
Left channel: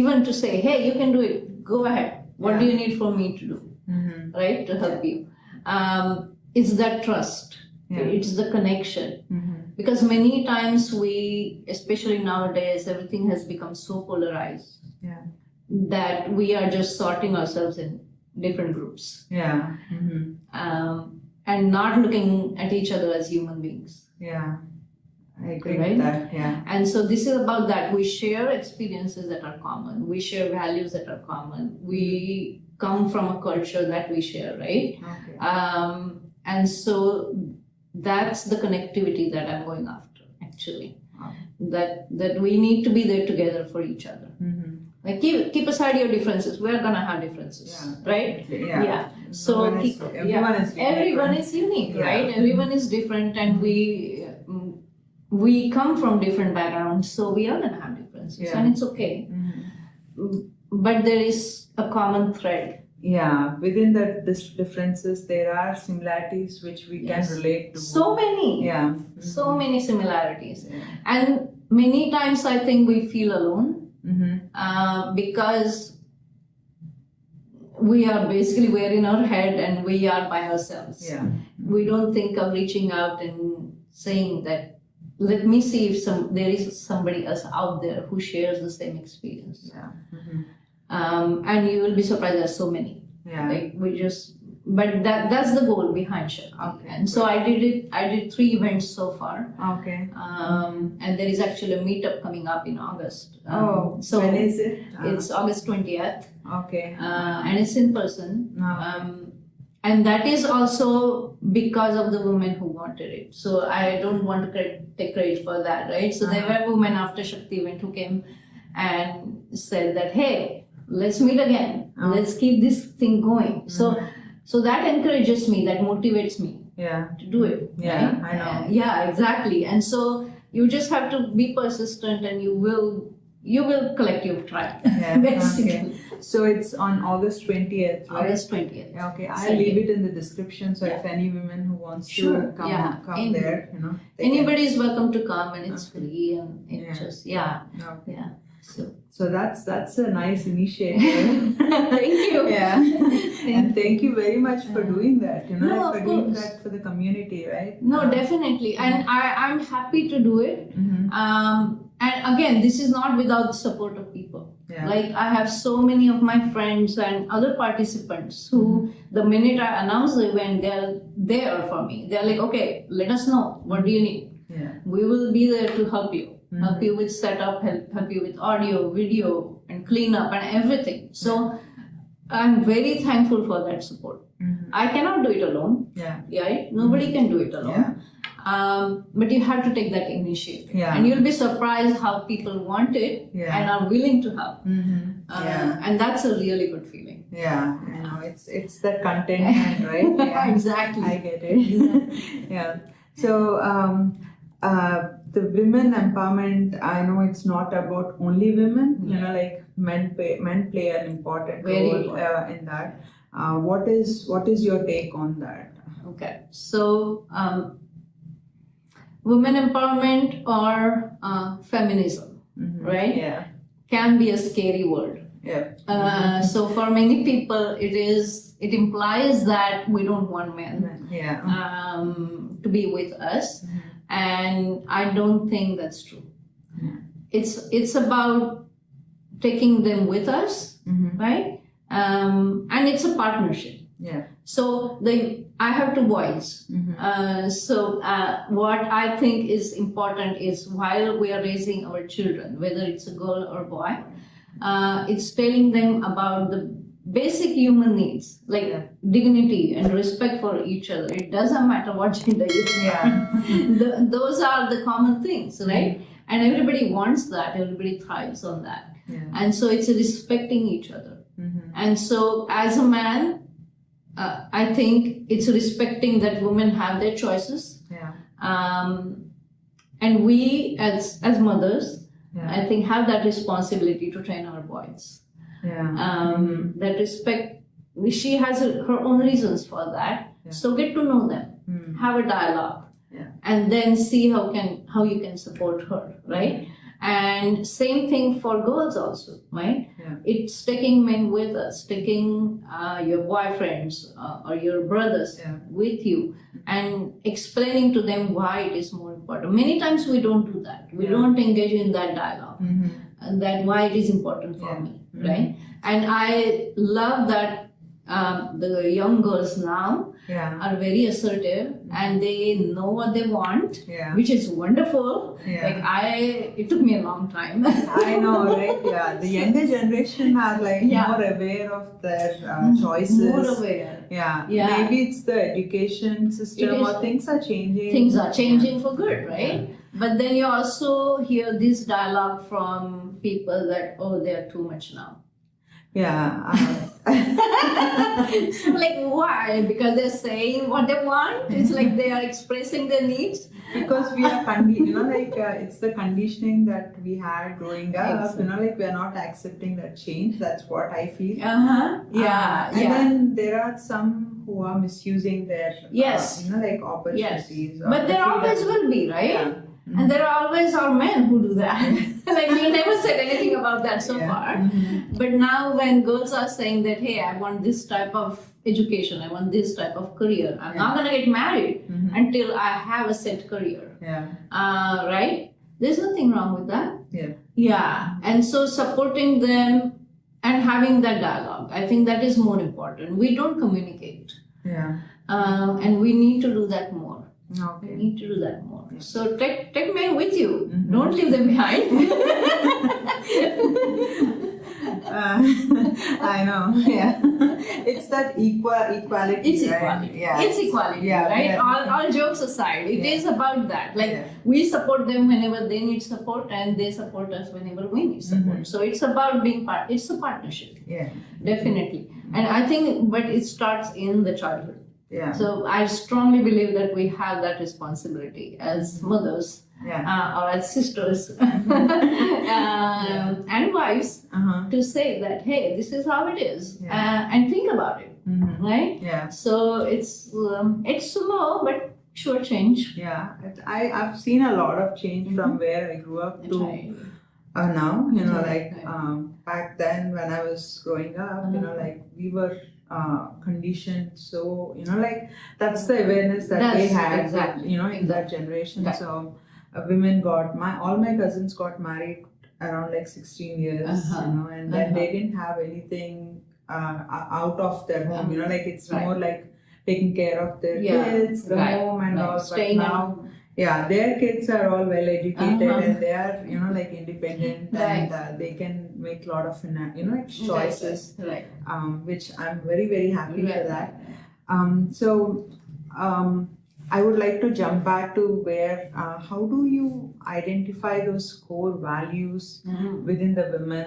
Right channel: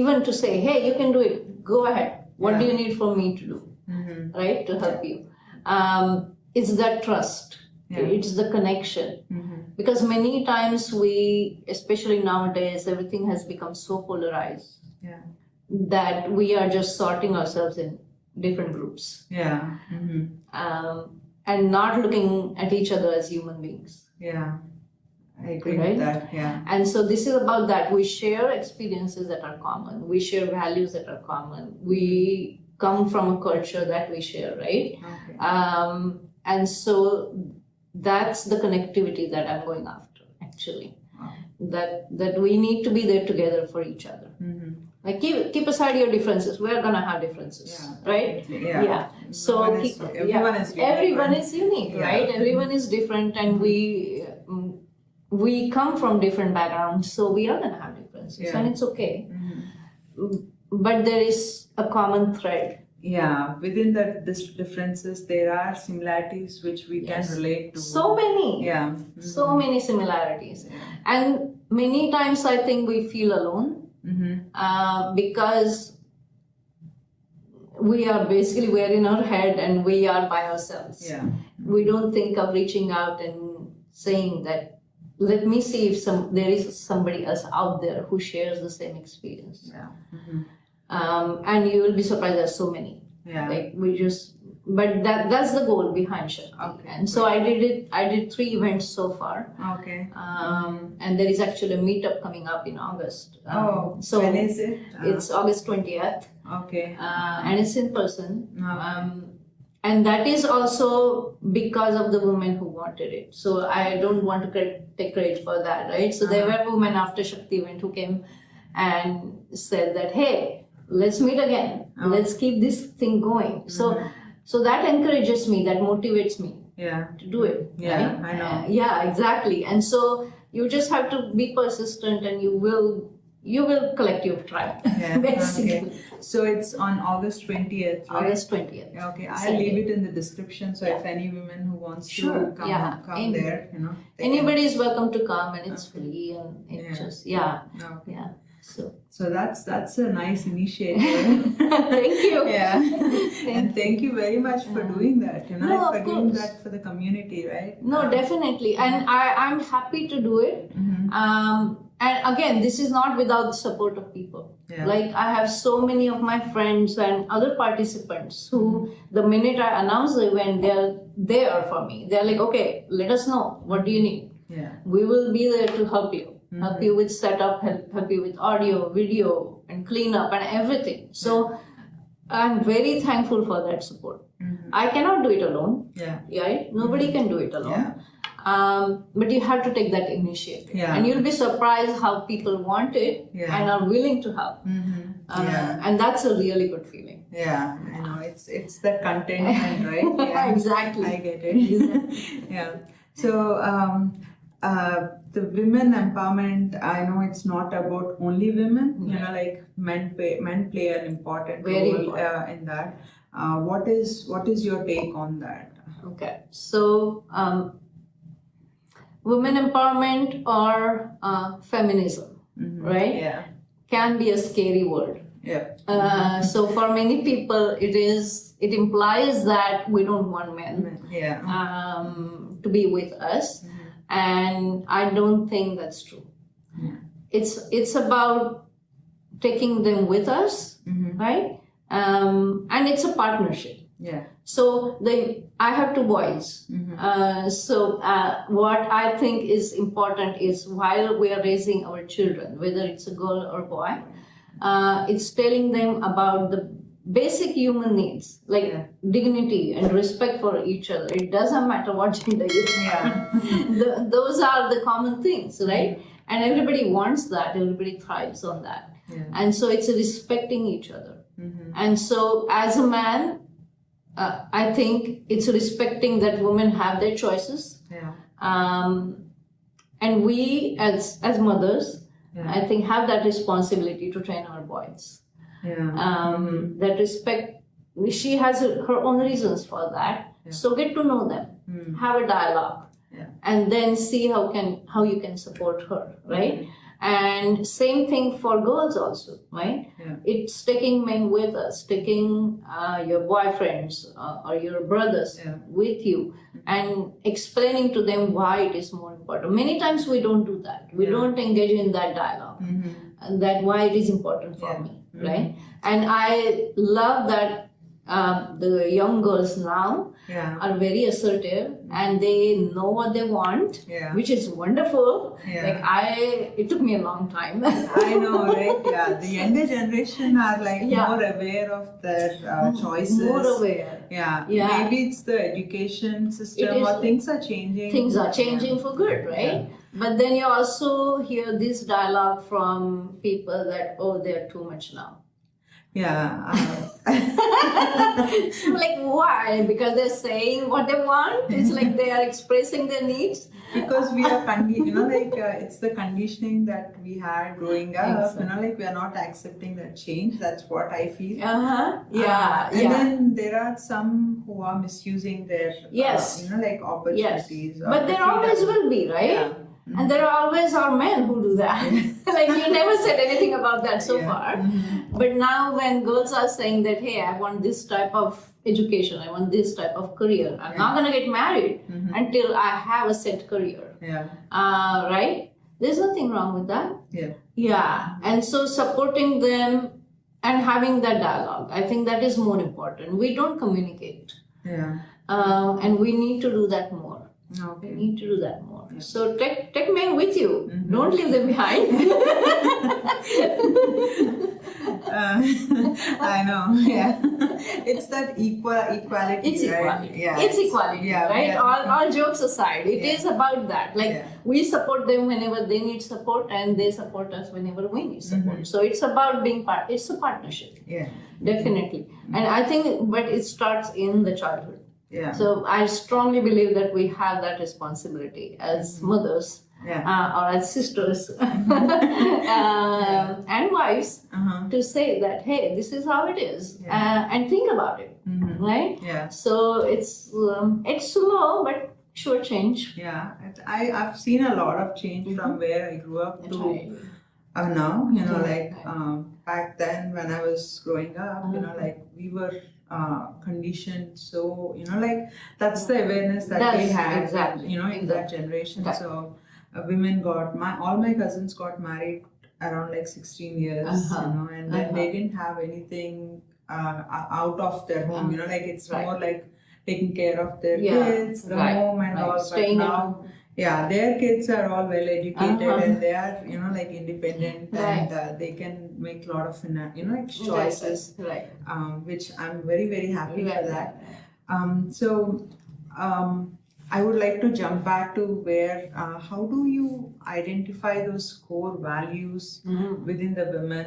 even to say, hey, you can do it, go ahead. What do you need for me to do, Mhm. right, to help you? It's that trust, Yeah. it's the connection. Mhm. Because many times we, especially nowadays, everything has become so polarized Yeah. that we are just sorting ourselves in different groups Yeah. Mhm. and not looking at each other as human beings. Yeah. I agree Right? with that. Yeah. And so this is about that. We share experiences that are common. We share values that are common. We come from a culture that we share, right? Okay. And so that's the connectivity that I'm going after, actually. Wow. That we need to be there together for each other. Mhm. Like keep aside your differences. We're gonna have differences, Yeah. right? Definitely. Yeah. So Everyone is unique, everyone right? is unique, Yeah. right? Everyone is different, and we come from different backgrounds, so we are gonna have differences, Yeah. and it's okay. Mhm. But there is a common thread. Yeah, within the differences, there are similarities which we can Yes. relate to. So many, Yeah. so many similarities, Yeah. and many times I think we feel alone Mm-hmm. because we are basically we're in our head and we are by ourselves. Yeah. We don't think of reaching out and saying that, let me see if there is somebody else out there who shares the same experience. Yeah. Mm-hmm. And you will be surprised there's so many. Yeah. Like but that's the goal behind Shakti. Okay, And so I did 3 events so far. Okay. And there is actually a meetup coming up in August. So when is it? It's August 20th. Okay. And it's in person. Okay. And that is also because of the women who wanted it. So I don't want to take credit for that, right? So there were women after Shakti event who came and said that, hey, let's meet again. Let's keep this thing going. So that encourages me, that motivates me Yeah. to do it. Yeah, right? I know. Yeah, exactly. And so you just have to be persistent, and you will collect your tribe. Yeah. Basically. Okay. So it's on August 20th, right? August 20th. Okay, I'll Sunday. leave it in the description. So if any women who wants Sure, to come yeah. there, they can- Anybody is welcome to come, and it's Okay. free, and it's Yeah. just Okay. yeah. So that's a nice initiative. Thank you. Yeah. And thank you very much for doing that. No, for of doing course. that for the community, right? No, definitely, and I'm happy to do it. Mhm. And again, this is not without the support of people. Yeah. Like I have so many of my friends and other participants who, the minute I announce the event, they're there for me. They're like, okay, let us know. What do you need? Yeah. We will be there to help you. Help you with setup, help you with audio, video, and clean up and everything. So I'm very thankful for that support. I cannot do it alone. Yeah. Right? Nobody can do it alone. But you have to take that initiative. Yeah. And you'll be surprised how people want it and are willing to help. And that's a really good feeling. Yeah, I know. It's the contentment, right? Yeah. Exactly. I get it. Yeah. So the women empowerment, I know it's not about only women. You know, like men play an important Very role important. in that. What is your take on that? Okay. So women empowerment or feminism, right? Yeah. Can be a scary word. Yeah. So for many people, it implies that we don't want men Yeah. to be with us, and I don't think that's true. It's about taking them with us, right? And it's a partnership. Yeah. So I have two boys. So what I think is important is while we are raising our children, whether it's a girl or boy, it's telling them about the basic human needs like dignity and respect for each other. It doesn't matter what gender you are. Yeah. Those are the common things, right? And everybody wants that. Everybody thrives on that. Yeah. And so it's respecting each other. And so as a man, I think it's respecting that women have their choices. Yeah. And we as mothers, Yeah. I think have that responsibility to train our boys. Yeah. That respect, she has her own reasons for that. So get to know them, have a dialogue, and then see how you can support her, right? And same thing for girls also, right? Yeah. It's taking men with us, taking your boyfriends or your brothers with you, and explaining to them why it is more important. Many times we don't do that. We don't engage in that dialogue, and that why it is important for me, right? And I love that the young girls now are very assertive and they know what they want, which is wonderful. It took me a long time. I know, right? Yeah, the younger generation are like more aware of their choices. More aware. Yeah. Maybe it's the education system or things are changing. Things are changing for good, right? But then you also hear this dialogue from people that, oh, they're too much now. Yeah. So like why? Because they're saying what they want. It's like they are expressing their needs. Because we are it's the conditioning that we had growing up. Like we are not accepting that change. That's what I feel. And then there are some who are misusing their opportunities. But there always will be, right? And there always are men who do that. Like we never said anything about that so far. But now when girls are saying that, hey, I want this type of education, I want this type of career, I'm not going to get married until I have a set career. Right? There's nothing wrong with that. And so supporting them and having that dialogue, I think that is more important. We don't communicate. And we need to do that more. Okay. We need to do that more. So take men with you. Don't leave them behind. I know. Yeah. It's that equality. It's right? equality. Yeah. It's equality, right? All jokes aside, it is about that. Like we support them whenever they need support, and they support us whenever we need support. So it's about being part. It's a partnership. Yeah. Definitely. And I think, but it starts in the childhood. So I strongly believe that we have that responsibility as mothers or as sisters and wives to say that, hey, this is how it is, and think about it, right? So it's slow but sure change. I've seen a lot of change from where I grew up to now. Back then when I was growing up, we were conditioned, so that's the awareness that they had in that generation. So women all my cousins got married around 16 years, and then they didn't have anything out of their home. It's more like taking care of their kids, the home and all. But now their kids are all well educated and they are independent and they can make a lot of like choices, Right. which I'm very, very happy for Right. that. So I would like to jump back to where how do you identify those core values Mhm. within the women?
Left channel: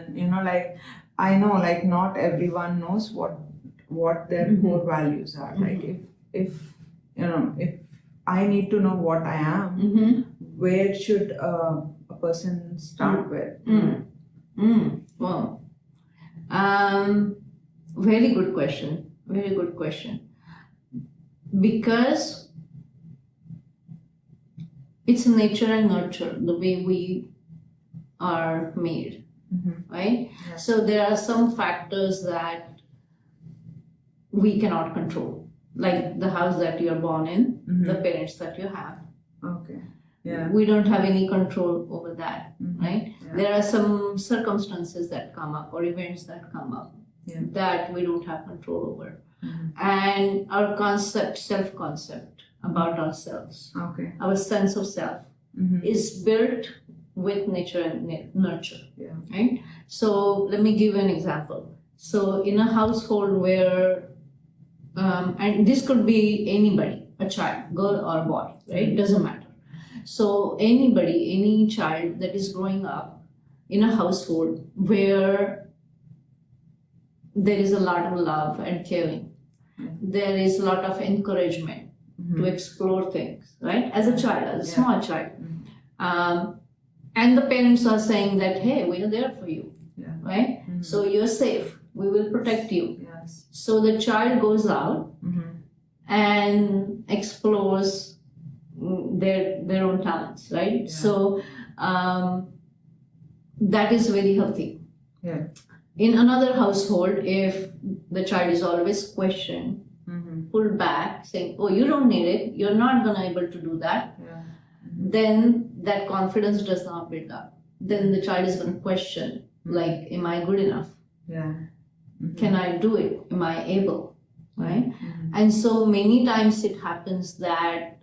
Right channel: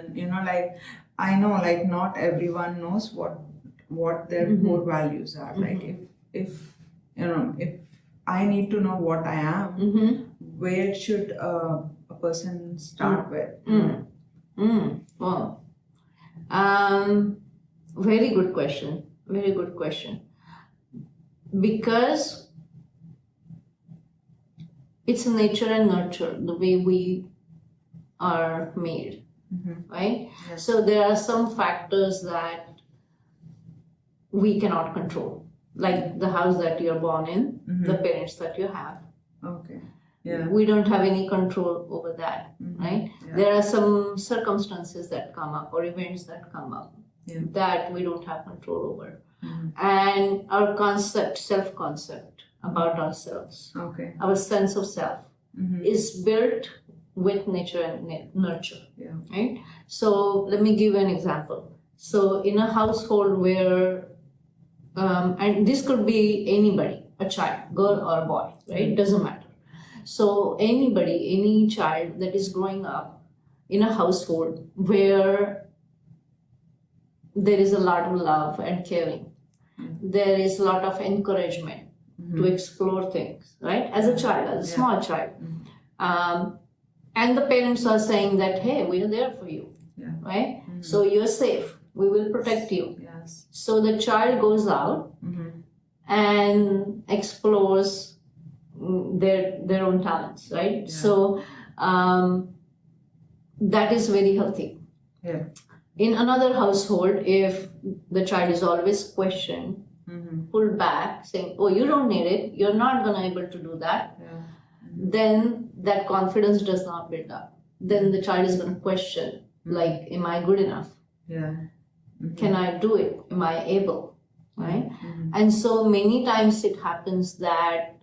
Like I know like not everyone knows what their Mhm. core values are. Like if if I need to know what I am, Mhm. where should a person start with? Well, very good question. Very good question. Because it's nature and nurture, the way we are made, right? Yes. So there are some factors that we cannot control, like the house that you're born in, the parents that you have. Okay. Yeah. We don't have any control over that, right? Yeah. There are some circumstances that come up or events that come up that we don't have control over. And our self-concept about ourselves, Okay. our sense of self is built with nature and nurture, Yeah. right? So let me give you an example. So in a household where, and this could be anybody, a child, girl or boy, right? Doesn't matter. So anybody, any child that is growing up in a household where there is a lot of love and caring, there is a lot of encouragement to explore things, right? As a child, as a small child. And the parents are saying that, hey, we are there for you, right? So you're safe. We will protect you. Yes. So the child goes out and explores their own talents, right? Yeah. So that is very healthy. Yeah. In another household, if the child is always questioned, pulled back, saying, oh, you don't need it, you're not going to be able to do that, then that confidence does not build up. Then the child is going to question, like, am I good enough? Yeah. Can I do it? Am I able? Right? And so many times it happens that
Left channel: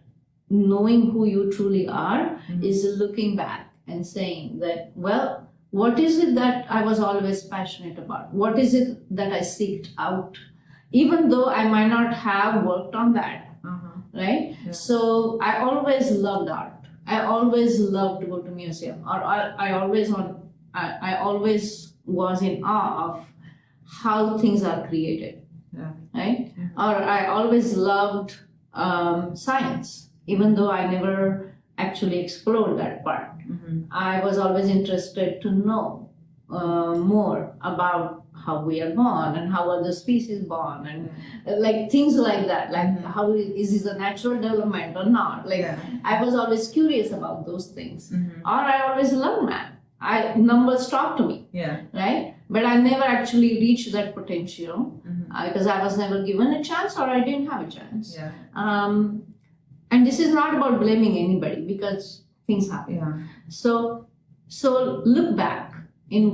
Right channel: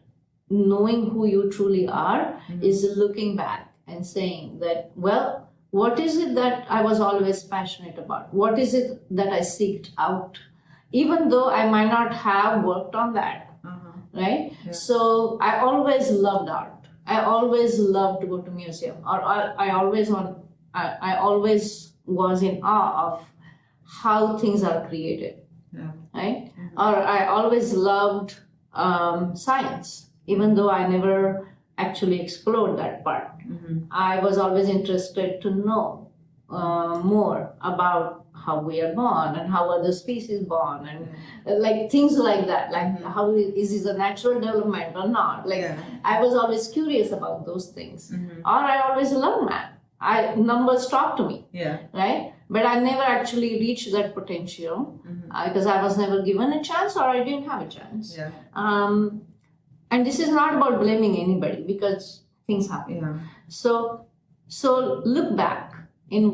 knowing who you truly are is looking back and saying that, well, what is it that I was always passionate about? What is it that I seeked out? Even though I might not have worked on that, right? Yeah. So I always loved art. I always loved to go to museum, or I always was in awe of how things are created, right? Or I always loved science, even though I never actually explored that part. I was always interested to know more about how we are born and how other species born, and like things like that, like how is this a natural development or not? Like I was always curious about those things. Or I always loved math. Numbers talk to me, right? But I never actually reached that potential because I was never given a chance, or I didn't have a chance. And this is not about blaming anybody, because things happen. So look back in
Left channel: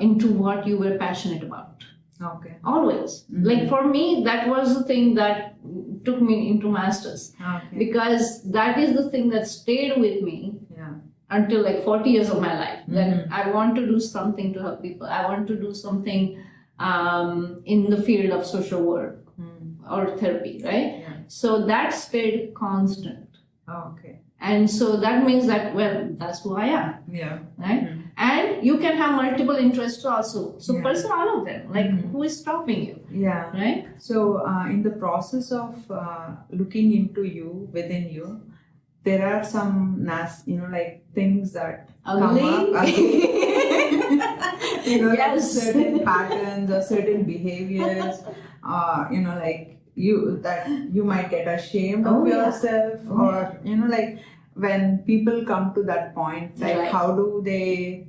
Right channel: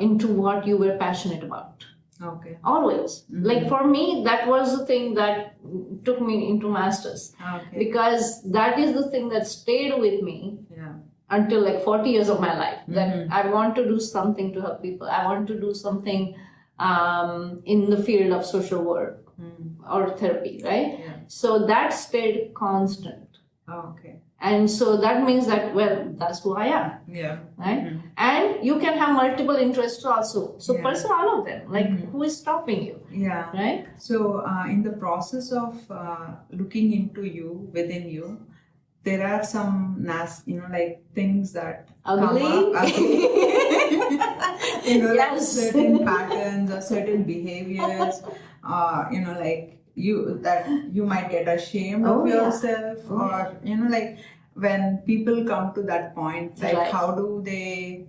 into what you were passionate about. Okay. Always. Like for me, that was the thing that took me into masters, because that is the thing that stayed with me until like 40 years of my life. That I want to do something to help people. I want to do something in the field of social work or therapy, right? So that stayed constant. Okay. And so that means that, well, that's who I am. Right? And you can have multiple interests also. So pursue all of them. Like, who is stopping you? Right? So in the process of looking into you, within you, there are some like things that Ugly? come up. Ugly. Like Yes. certain patterns or certain behaviors, like you might get ashamed of yourself, or like when people come to that point, like how do they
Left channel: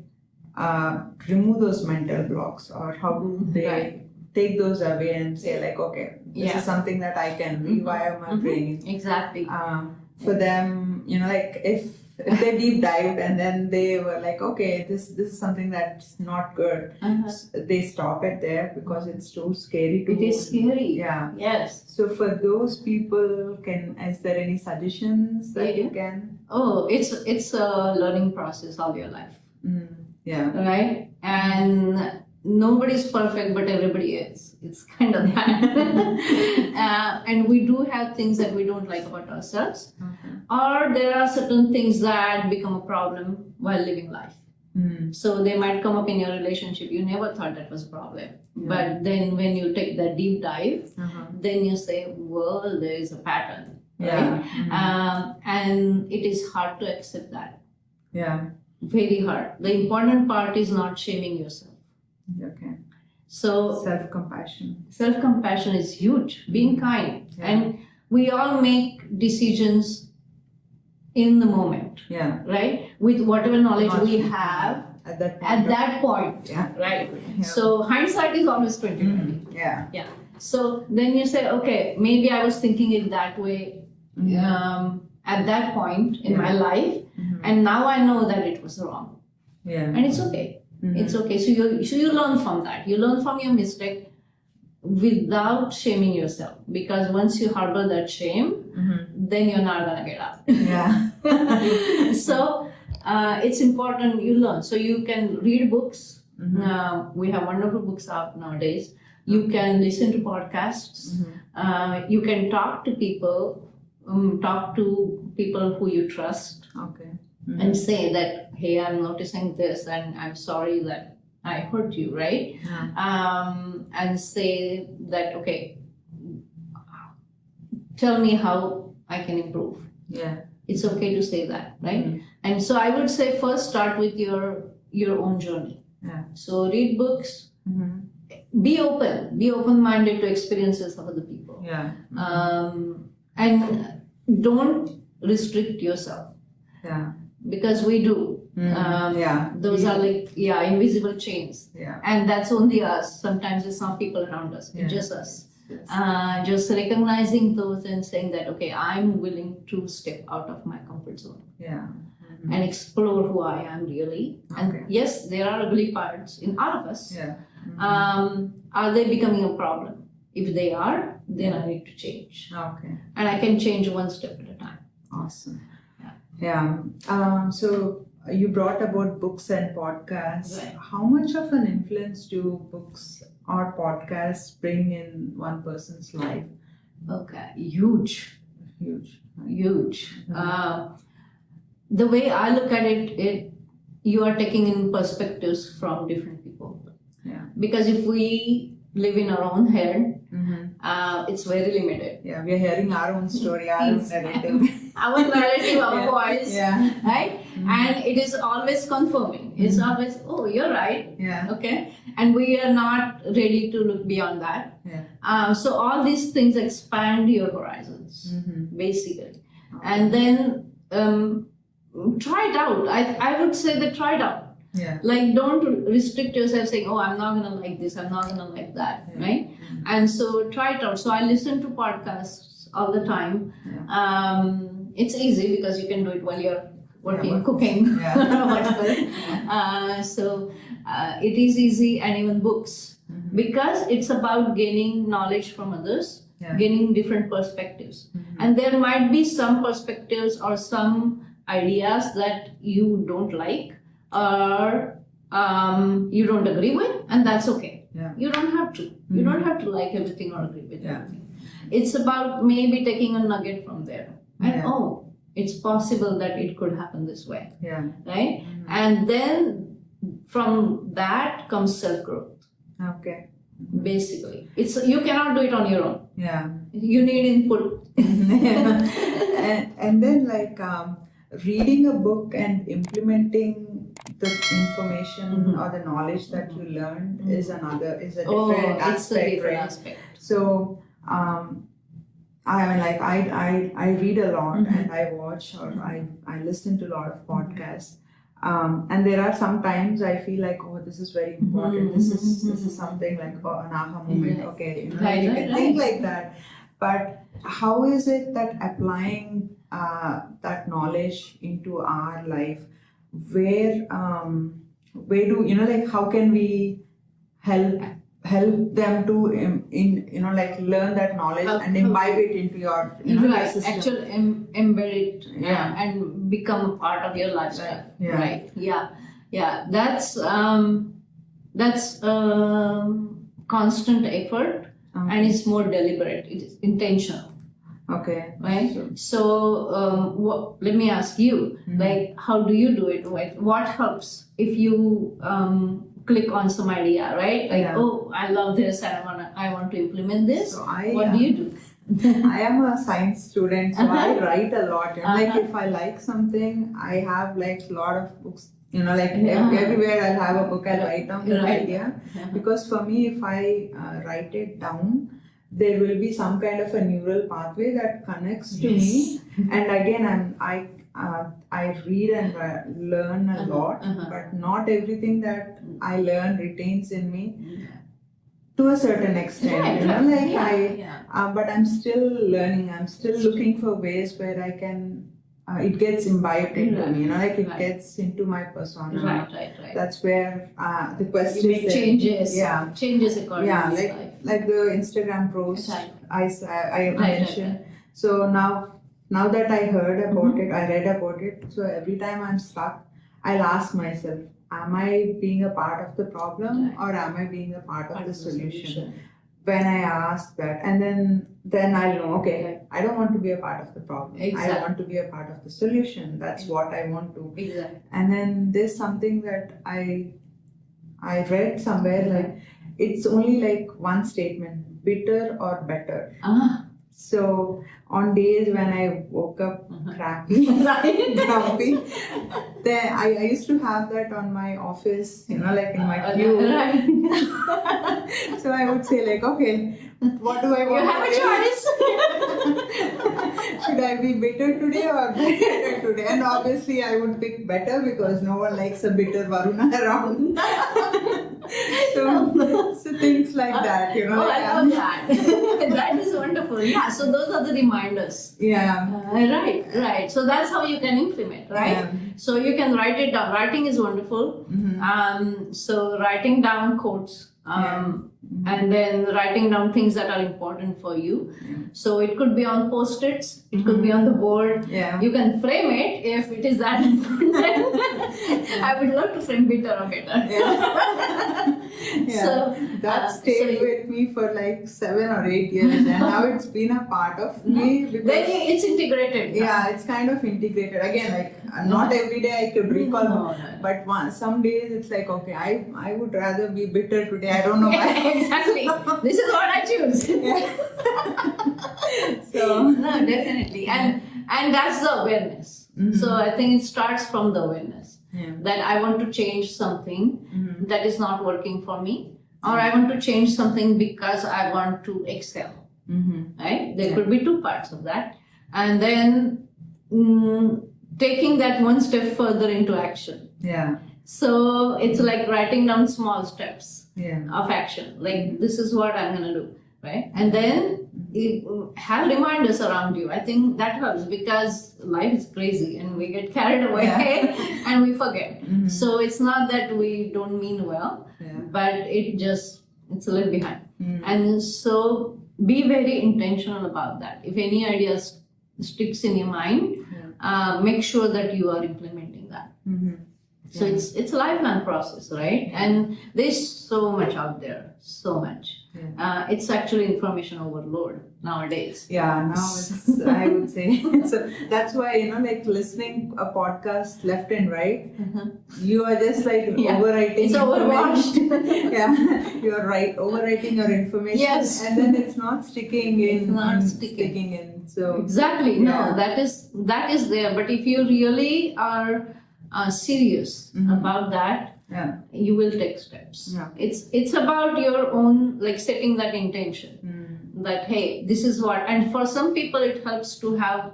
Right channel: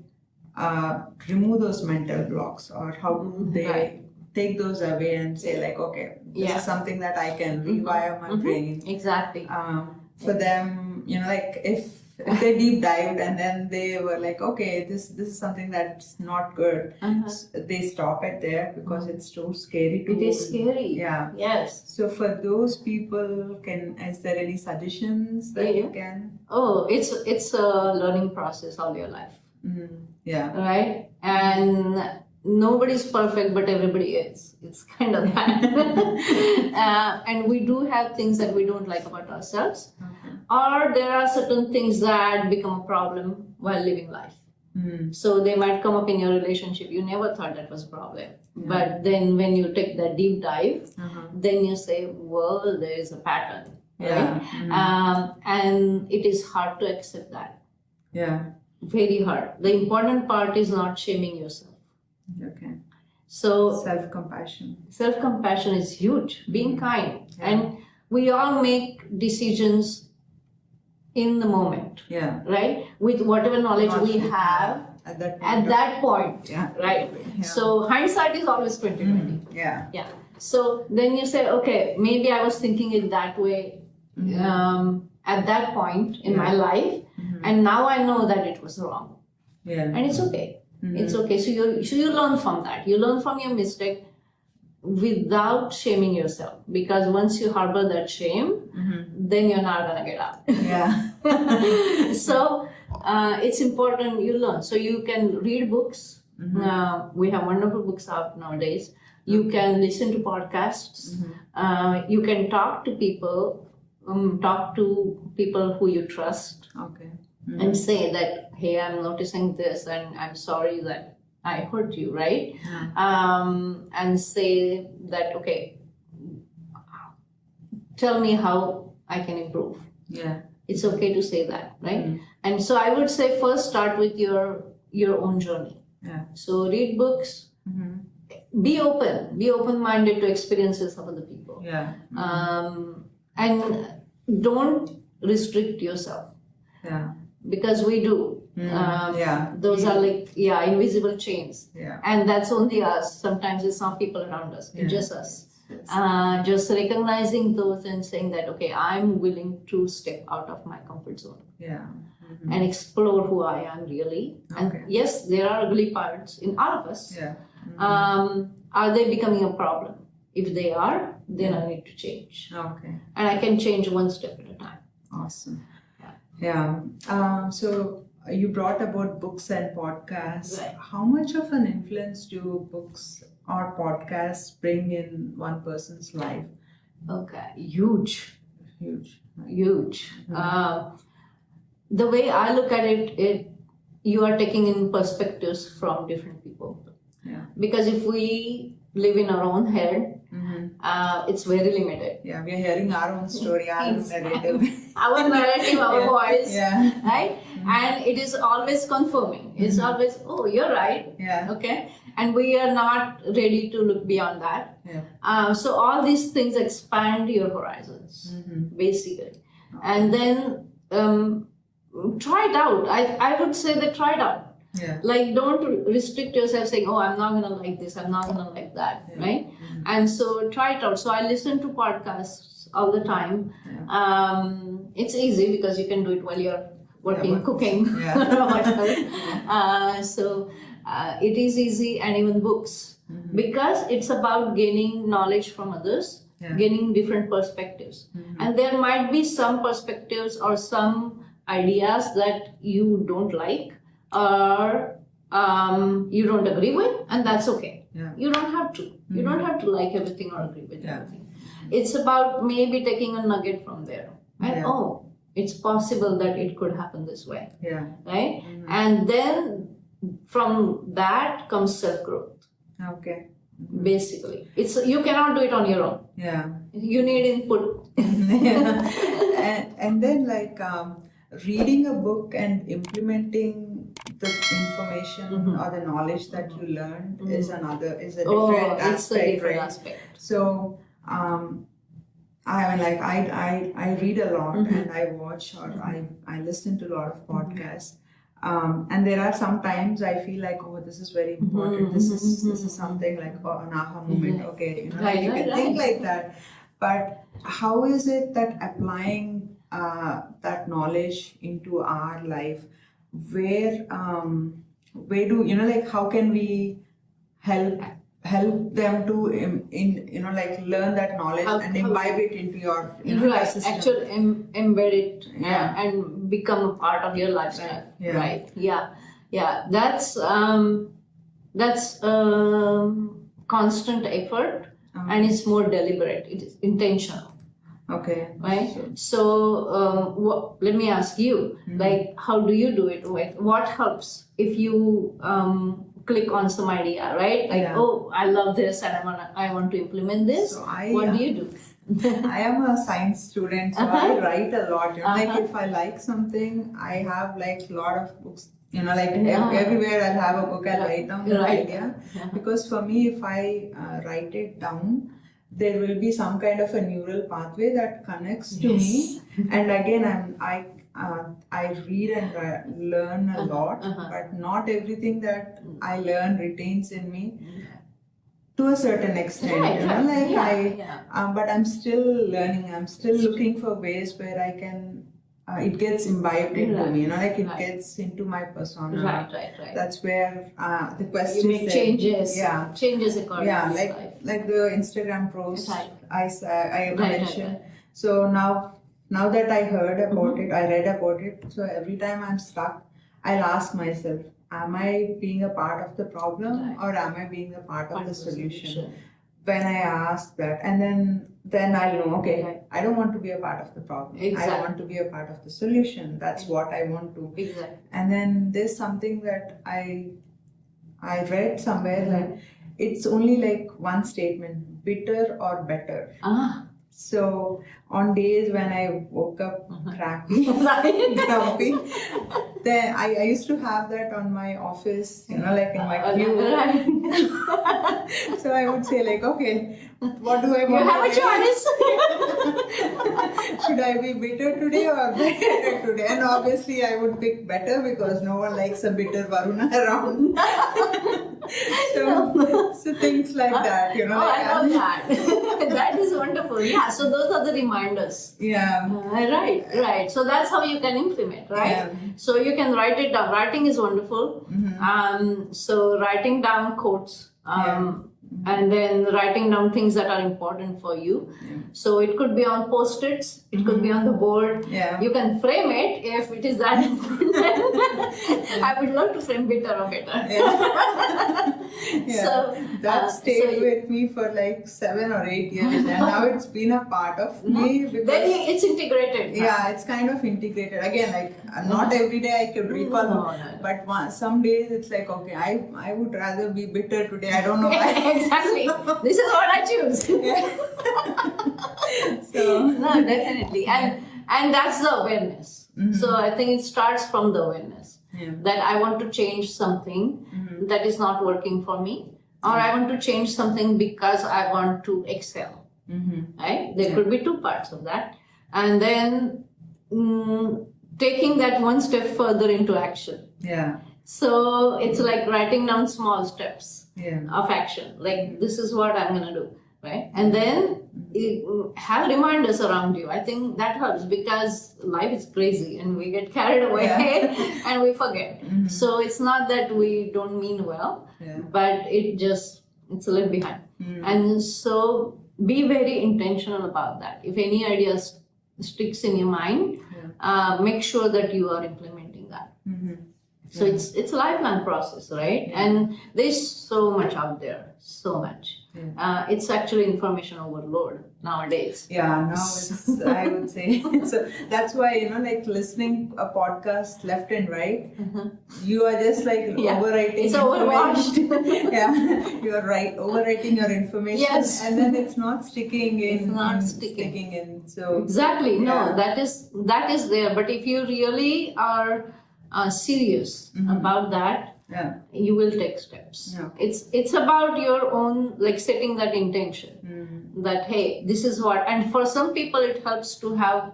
remove those mental blocks, or how do they take those away and say like, okay, this is something that I can rewire my brain. Exactly. For them, like if they deep dived and then they were like, okay, this is something that's not good, they stop it there because it's too scary to. It is scary. Yes. So for those people, is there any suggestions that you can? Oh, it's a learning process all your life. Yeah. right? And nobody's perfect, but everybody is. It's kind of that. And we do have things that we don't like about ourselves, Okay. or there are certain things that become a problem while living life. So they might come up in your relationship. You never thought that was a problem. But then when you take that deep dive, then you say, well, there is a pattern. Yeah. Right? And it is hard to accept that. Yeah. Very hard. The important part is not shaming yourself. Okay. So Self-compassion. self-compassion is huge. Being kind. Yeah. And we all make decisions in the moment, Yeah. right? With whatever knowledge Not we you have at that point. at that point, Yeah. right? Yeah. So hindsight is always 2020. Yeah. Yeah. So then you say, okay, maybe I was thinking it that way at that point in my life, and now I know that it was wrong, Yeah. and it's okay. It's okay. So you learn from that. You learn from your mistake without shaming yourself, because once you harbor that shame, then you're not gonna get out. Yeah. So it's important you learn. So you can read books. We have wonderful books out nowadays. You can listen to podcasts. You can talk to people. Talk to people who you trust Okay. and say that, hey, I'm noticing this and I'm sorry that I hurt you, right? Yeah. And say that, okay, tell me how I can improve. Yeah. It's okay to say that, right? And so I would say first start with your own journey. Yeah. So read books, be open-minded to experiences of other people. Yeah. And don't restrict yourself, Yeah. because we do. Yeah. Those are like, invisible chains. Yeah. And that's only us. Sometimes it's not people around us, it's just us. Yes. Just recognizing those and saying that, okay, I'm willing to step out of my comfort zone Yeah. and explore who I am really. Okay. And yes, there are ugly parts in all of us. Yeah. Are they becoming a problem? If they are, then I need to change. Okay. And I can change one step at a time. Awesome. Yeah. So you brought about books and podcasts. Right. How much of an influence do books or podcasts bring in one person's life? Okay, huge. Huge. The way I look at it, you are taking in perspectives from different people. Yeah. Because if we live in our own head, it's very limited. Yeah, we are hearing our own story, our own narrative. Our narrative, our voice, Yeah. right? And it is always confirming. It's always, oh, you're right. Yeah. Okay. And we are not ready to look beyond that. Yeah. So all these things expand your horizons, basically. And then try it out. I would say that try it out. Yeah. Like, don't restrict yourself saying, oh, I'm not going to like this, I'm not going to like that, right? And so try it out. So I listen to podcasts all the time. It's easy because you can do it while you're working, cooking, Yeah. whatever. So it is easy, and even books, because it's about gaining knowledge from others, gaining different perspectives. And there might be some perspectives or some ideas that you don't like, or you don't agree with, and that's okay. Yeah. You don't have to. You don't have to like everything or agree with Yeah. everything. It's about maybe taking a nugget from there. And oh, it's possible that it could happen this way, Yeah. right? And then from that comes self-growth, Okay. basically. You cannot do it on your own. Yeah. You need input. and then reading a book and implementing the information or the knowledge that you learned is a different It's a aspect, different right? aspect. So I mean, I read a lot and I watch or I listen to a lot of podcasts. And there are some times I feel like, oh, this is very important. This is something like an aha moment. Okay, you can think like that. But how is it that applying that knowledge into our life, where do how can we help them to learn that knowledge and imbibe it into your Right, system? actually embed it and become a part of your lifestyle. Yeah. Right. Yeah. Yeah, that's constant effort, and it's more deliberate. It is intentional. Okay. Right. So, let me ask you, like, how do you do it? Like, what helps if you click on some idea, right? Like, Yeah. oh, I love this, and I want to implement this. So What do you do? I am a science student, so I write a lot. You know, like Uh-huh. if I like something, I have like a lot of books. You know, like Yeah. everywhere I'll have a book. I'll write down the Right. idea, Uh-huh. because for me, if I write it down, there will be some kind of a neural pathway that connects to me. And again, I read and learn a lot, but not everything that I learn retains in me to a certain extent. Right, You know, right. like Yeah. but I'm still learning. I'm still looking for ways where I can. It gets imbibed into me. You know, like it Right. gets into my persona. Right. That's where the quest You is make there. changes. Yeah. Changes according Yeah, to like life. like the Instagram post Right. I Right, mentioned. So now that I heard about it, I read about it. So every time I'm stuck, I'll ask myself, am I being a part of the problem, Right. or am I being a part of Part the of the solution? When I ask that, and then I'll know, okay, Right. I don't want to be a part of the problem. Exactly. I want to be a part of the solution. That's what I want to. Exactly. And then there's something that I read somewhere, like it's only like one statement: bitter or better. Ah. So on days when I woke up crappy, grumpy, then I used to have that on my office, you know, like in my queue. So I would say like, okay, what do I want? You have a choice. Should I be bitter today or better today? And obviously I would pick better, because no one likes a bitter Varuna around. So things like that, you know. Oh, like I love that. That is wonderful. Yeah, so those are the reminders. Yeah. Right. So that's how you can implement, right? Yeah. So you can write it down. Writing is wonderful. So writing down quotes, and then writing down things that are important for you. So it could be on post-its, it could be on the board. Yeah. You can frame it if it is that important. I would love to frame bitter or better. Yeah. So, that stayed so- with me for like 7 or 8 years, and now it's been a part of me, because Then it's integrated. now. yeah, it's kind of integrated. Again, like not every day I could recall, No. but some days it's like, okay, I would rather be bitter today. I don't know why. Exactly. This is what I choose. So No, definitely. And that's the awareness. So I think it starts from the awareness that I want to change something that is not working for me, or I want to change something because I want to excel. Right? There could be two parts of that. And then taking that one step further into action. yeah, So it's like writing down small steps yeah, of action. Like, this is what I'm going to do, right? And then you have reminders around you. I think that helps, because life is crazy and we get carried away and we forget. So it's not that we don't mean well, but it's a little behind. And so be very intentional about that. If any idea sticks in your mind, make sure that you are implementing that. So it's a lifelong process, right? And there's so much out there, so much. It's actually information overload nowadays. Yeah, now it's, I would say. So that's why, you know, like listening a podcast left and right, you are just like overwriting. It's overwashed. Yeah, you are overwriting your information, Yes. and then it's not sticking in. It's not in- sticking. in. So Exactly. Yeah. No, that is there. But if you really are serious about that, yeah, you will take steps. Yeah. It's about your own, like, setting that intention. That, hey, this is what. And for some people it helps to have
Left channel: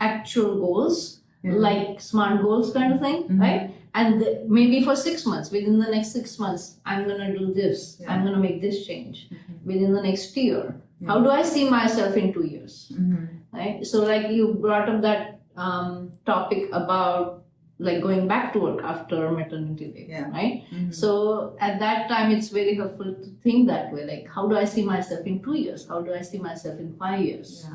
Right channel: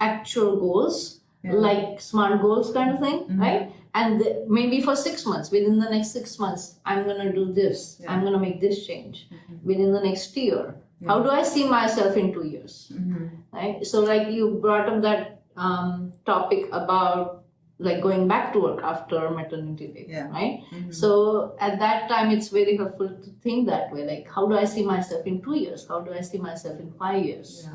actual goals, like SMART goals kind of thing, right? And maybe for 6 months, within the next 6 months, I'm going to do this. I'm going to make this change. Within the next year, how do I see myself in 2 years? Right? So like you brought up that topic about like going back to work after maternity leave, right? So at that time, it's very helpful to think that way. Like, how do I see myself in 2 years? How do I see myself in 5 years?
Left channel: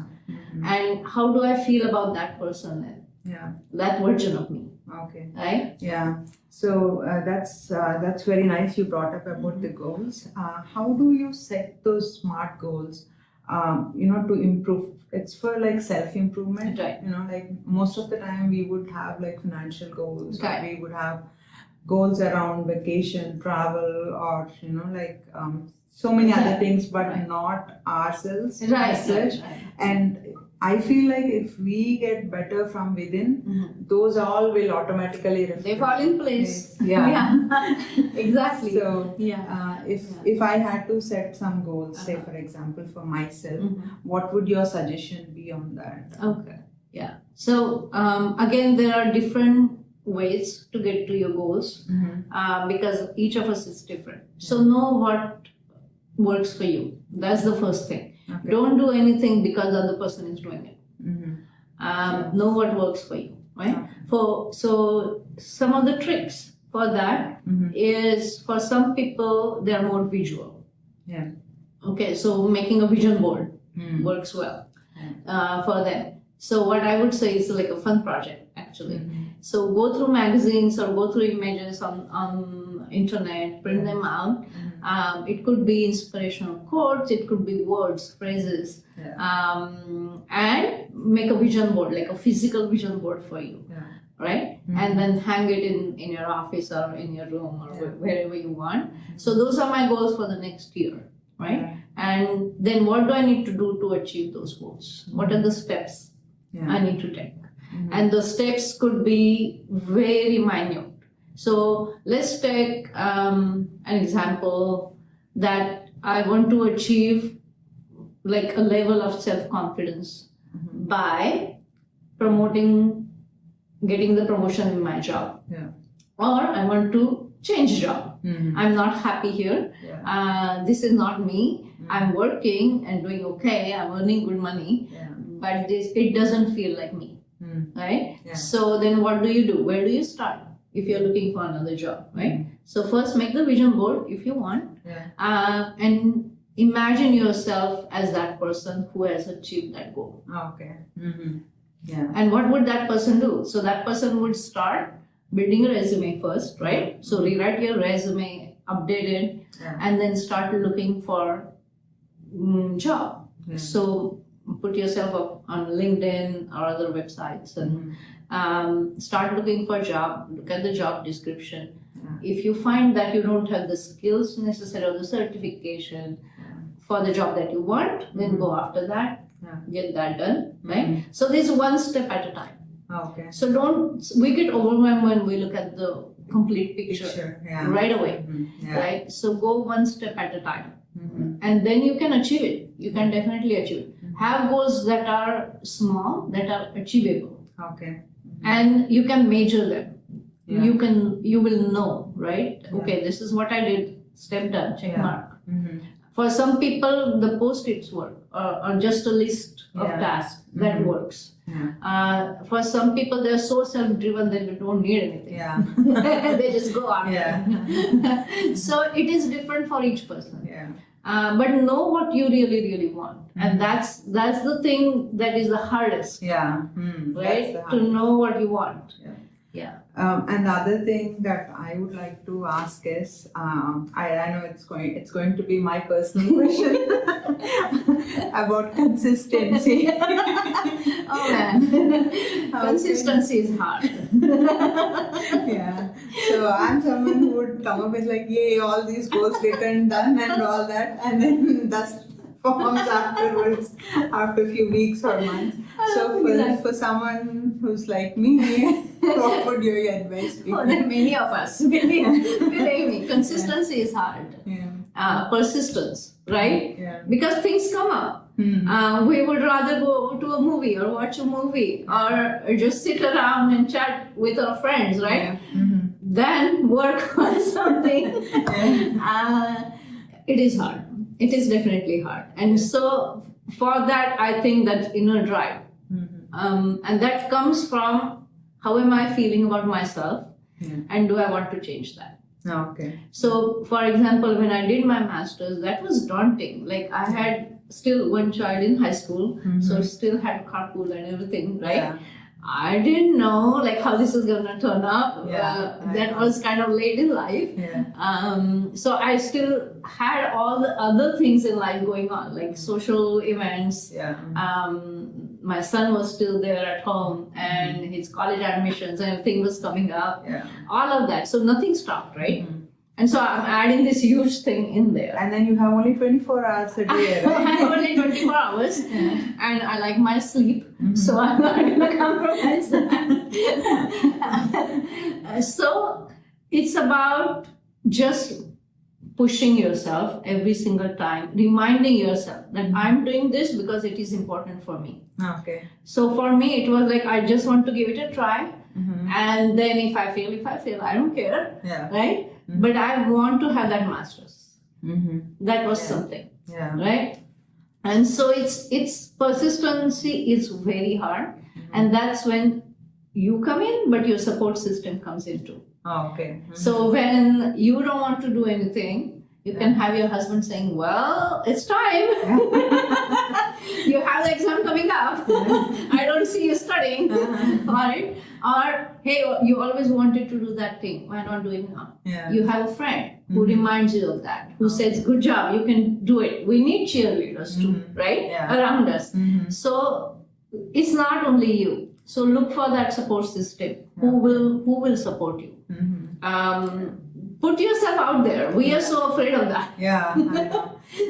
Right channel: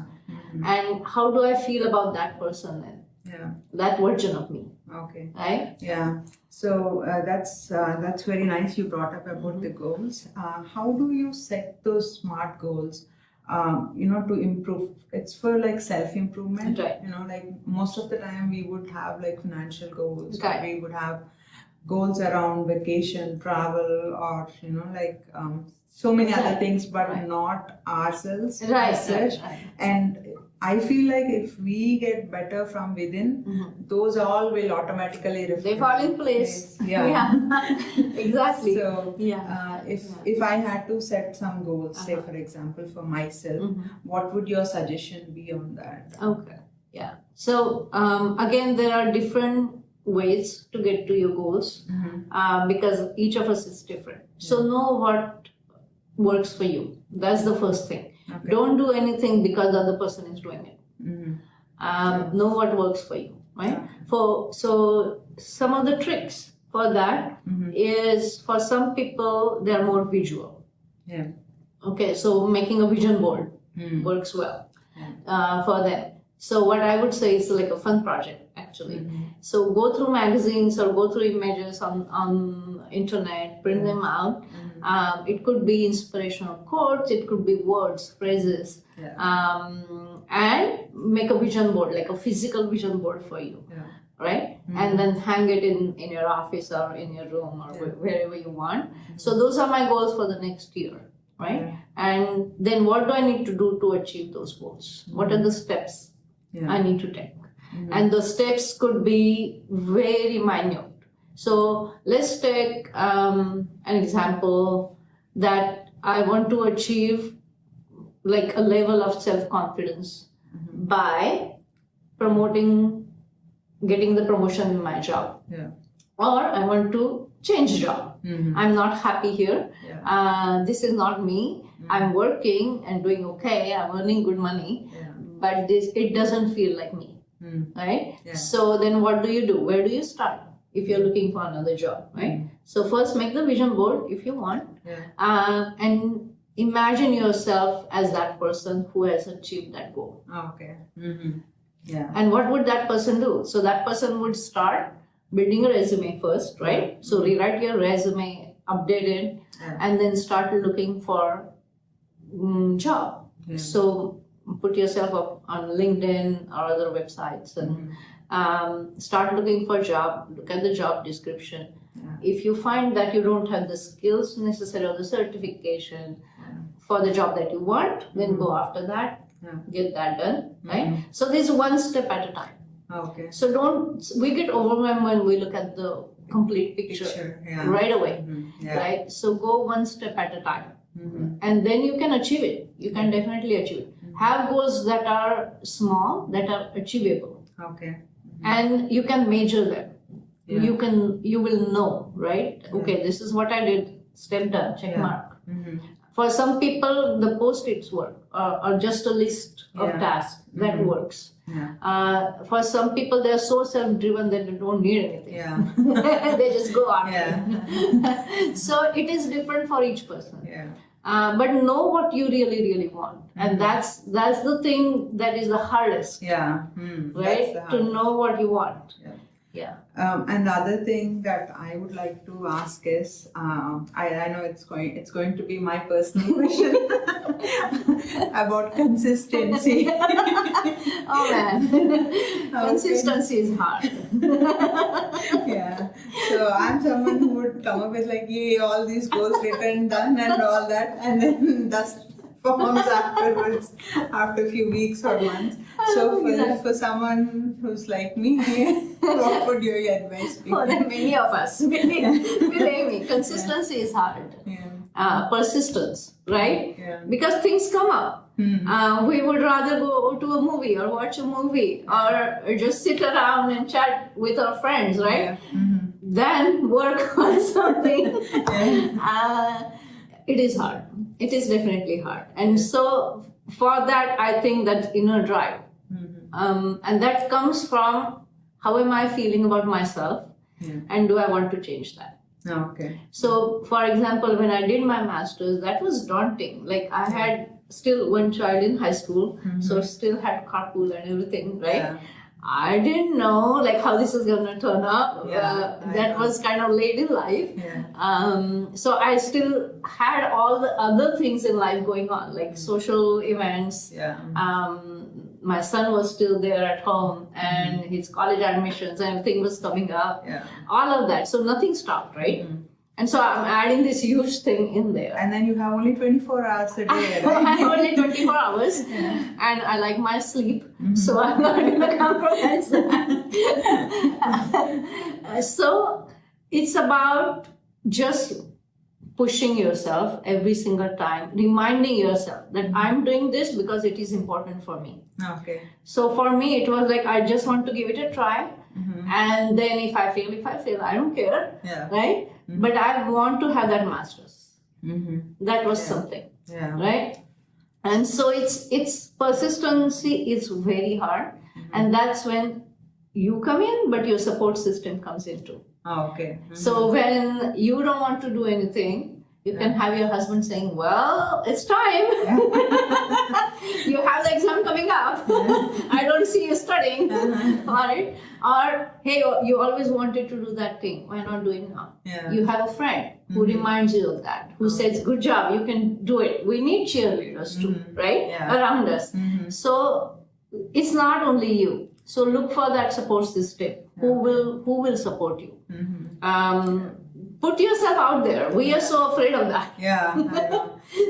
And how do I feel about that person then? Yeah. That version of me, Okay. right? Yeah. So that's very nice. You brought up about the goals. How do you set those SMART goals? To improve. It's for like self-improvement. Right. Like most of the time we would have like financial goals, or Right. we would have goals around vacation, travel, or so many other Right. things, but Right. not ourselves Right. as such. Right. And I feel like if we get better from within, those all will automatically reflect. They fall in place. Yeah. Exactly. So Yeah. if I had to set some goals, say for example for myself, what would your suggestion be on that? Okay. Yeah. So again, there are different ways to get to your goals because each of us is different. So know what works for you. That's the first thing. Okay. Don't do anything because the other person is doing it. Know what works for you, right? Okay. So some of the tricks for that is, for some people they're more visual. Yeah. Okay, so making a vision board works well for them. So what I would say is like a fun project actually. So go through magazines or go through images on internet, print them out. It could be inspirational quotes, it could be words, phrases, and make a vision board, like a physical vision board for you, right? And then hang it in your office or in your room or wherever you want. So those are my goals for the next year, right? And then what do I need to do to achieve those goals? What are the steps I need to take? And the steps could be very minute. So let's take an example that I want to achieve like a level of self-confidence by getting the promotion in my job. Or I want to change job. I'm not happy here. This is not me. I'm working and doing okay. I'm earning good money, but it doesn't feel like me. Right? So then what do? Where do you start if you're looking for another job, right? So first make the vision board if you want, and imagine yourself as that person who has achieved that goal. Okay. Yeah. And what would that person do? So that person would start building a resume first, right? So rewrite your resume, update it, and then start looking for job. So put yourself up on LinkedIn or other websites and start looking for a job. Look at the job description. If you find that you don't have the skills necessary or the certification for the job that you want, then go after that, get that done, right? So this is one step at a time. Okay. So we get overwhelmed when we look at the complete picture right away, right? So go one step at a time. And then you can achieve it. You can definitely achieve it. Have goals that are small, that are achievable. Okay. And you can measure them. You will know, right? Okay, this is what I did. Step done. Check mark. For some people, the post-its work or just a list of tasks that works. For some people, they're so self-driven that they don't need anything. They just go on. So it is different for each person. But know what you really, really want, and that's the thing that is the hardest. Right? To know what you want. And the other thing that I would like to ask is, I know it's going to be my personal question about consistency. Oh man, consistency is hard. So I'm someone who would come up with like, yay, all these goals written, done, and all that, and then dust forms afterwards after a few weeks or months. So for someone who's like me, what would your advice be? For many of us, believe me, consistency is hard. Persistence, right? Because things come up. We would rather go to a movie or watch a movie or just sit around and chat with our friends, right? Than work on something. It is hard. It is definitely hard. And so for that, I think that inner drive. And that comes from how am I feeling about myself and do I want to change that? Okay. So, for example, when I did my master's, that was daunting. Like I had still one child in high school, so still had carpool and everything, right? I didn't know like how this is gonna turn out. I That know. was kind of late in life. Yeah. So I still had all the other things in life going on, like social events. Yeah. My son was still there at home, and his college admissions and everything was coming up. Yeah. All of that. So nothing stopped, right? Mhm. And so I'm adding this huge thing in there. And then you have only 24 hours a day, I right? have only 24 hours and I like my sleep, Mm-hmm. so I'm not going to compromise that. So it's about just pushing yourself every single time, reminding yourself that I'm doing this because it is important for me. Okay. So for me, it was like I just want to give it a try. Mm-hmm. And then if I fail, I don't care, Yeah. right? But I want to have that master's. Mm-hmm. That was Yeah. something, Yeah. right? And so it's persistency is very hard, and that's when you come in, but your support system comes in too. Oh, okay. Mhm. So when you don't want to do anything, you can have your husband saying, "Well, it's time. You have the exam coming up. I don't see you studying, right? Or hey, you always wanted to do that thing. Why not doing now?" Yeah. You have a friend who reminds you of that, who says, "Good job, you can do it." We need cheerleaders too, right? Yeah. Around us. Mhm. So it's not only you. So look for that support system. Who will support you? Mhm. Put yourself out there. We are so afraid of that. Yeah. I know.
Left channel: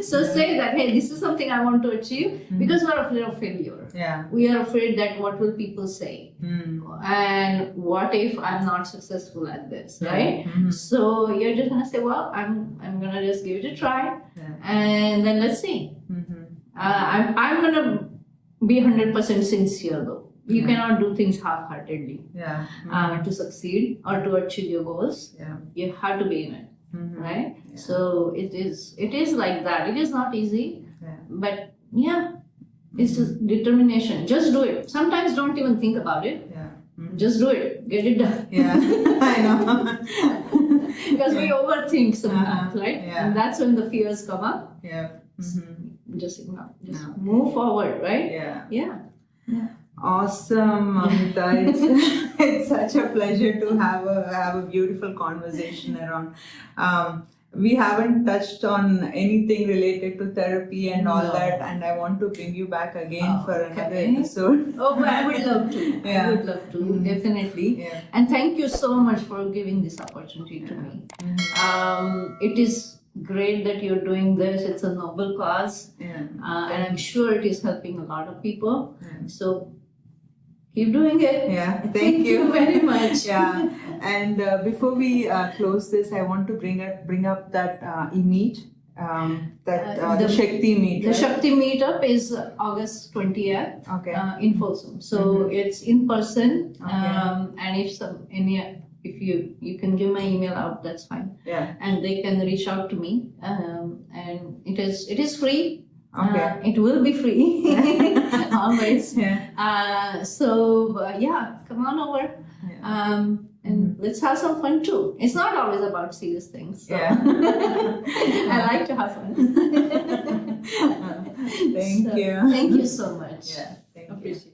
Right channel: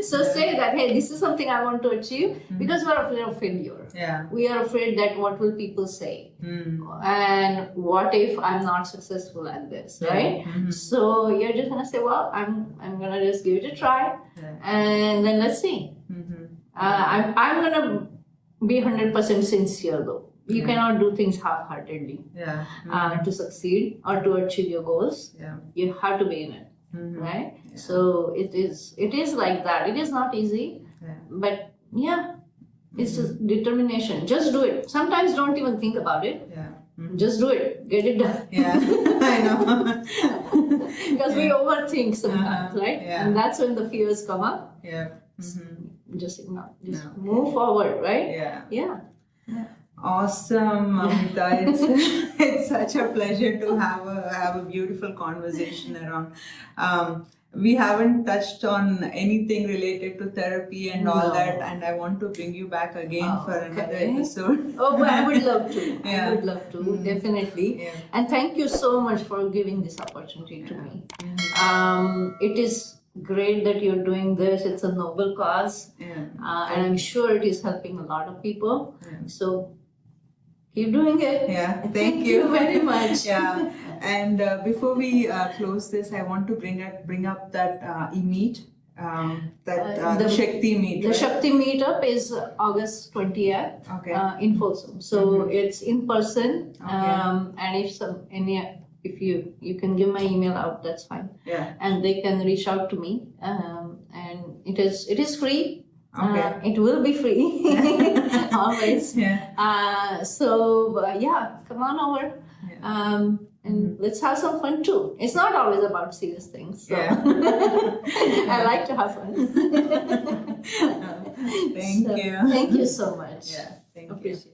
So say that, hey, this is something I want to achieve, because we're afraid of failure. Yeah. We are afraid that what will people say, Mm. and what if I'm not successful at this, right? Mhm. So you're just gonna say, well, I'm gonna just give it a try, Yeah. and then let's see. Mhm. I'm gonna be 100% sincere though. You cannot do things half-heartedly Yeah. to succeed or to achieve your goals. Yeah. You have to be in it, Mhm. right? Yeah. So it is like that. It is not easy, Yeah. but yeah, it's just determination. Just do it. Sometimes don't even think about it. Yeah. Just do it. Get it done. Yeah. I know. Because we overthink sometimes, right? Yeah. And that's when the fears come up. Yeah. Mhm. Just ignore. Just No. move forward, right? Yeah. Yeah. Awesome, Amita. It's such a pleasure to have a beautiful conversation around. We haven't touched on anything related to therapy and all No. that, and I want to bring you back again Oh, for another okay. episode. Oh, but I would love to. Yeah. I would love to, definitely. Yeah. And thank you so much for giving this opportunity to me. It is great that you're doing this. It's a noble cause, Yeah. and I'm sure it is helping a lot of people. Yeah. So keep doing it. Yeah, thank you very much. Yeah, and before we close this, I want to bring up that e-meet, the Shakti meet. The right? Shakti meetup is August 20th Okay. in Folsom. So it's in person, Okay. and if you can give my email out, that's fine. Yeah. And they can reach out to me, and it is free. Okay. It will be free always. Yeah. Yeah, come on over. Yeah. And let's have some fun too. It's not always about serious things. So. Yeah. I like to have fun. Thank you. Thank you so much. Yeah. Thank you. Appreciate it.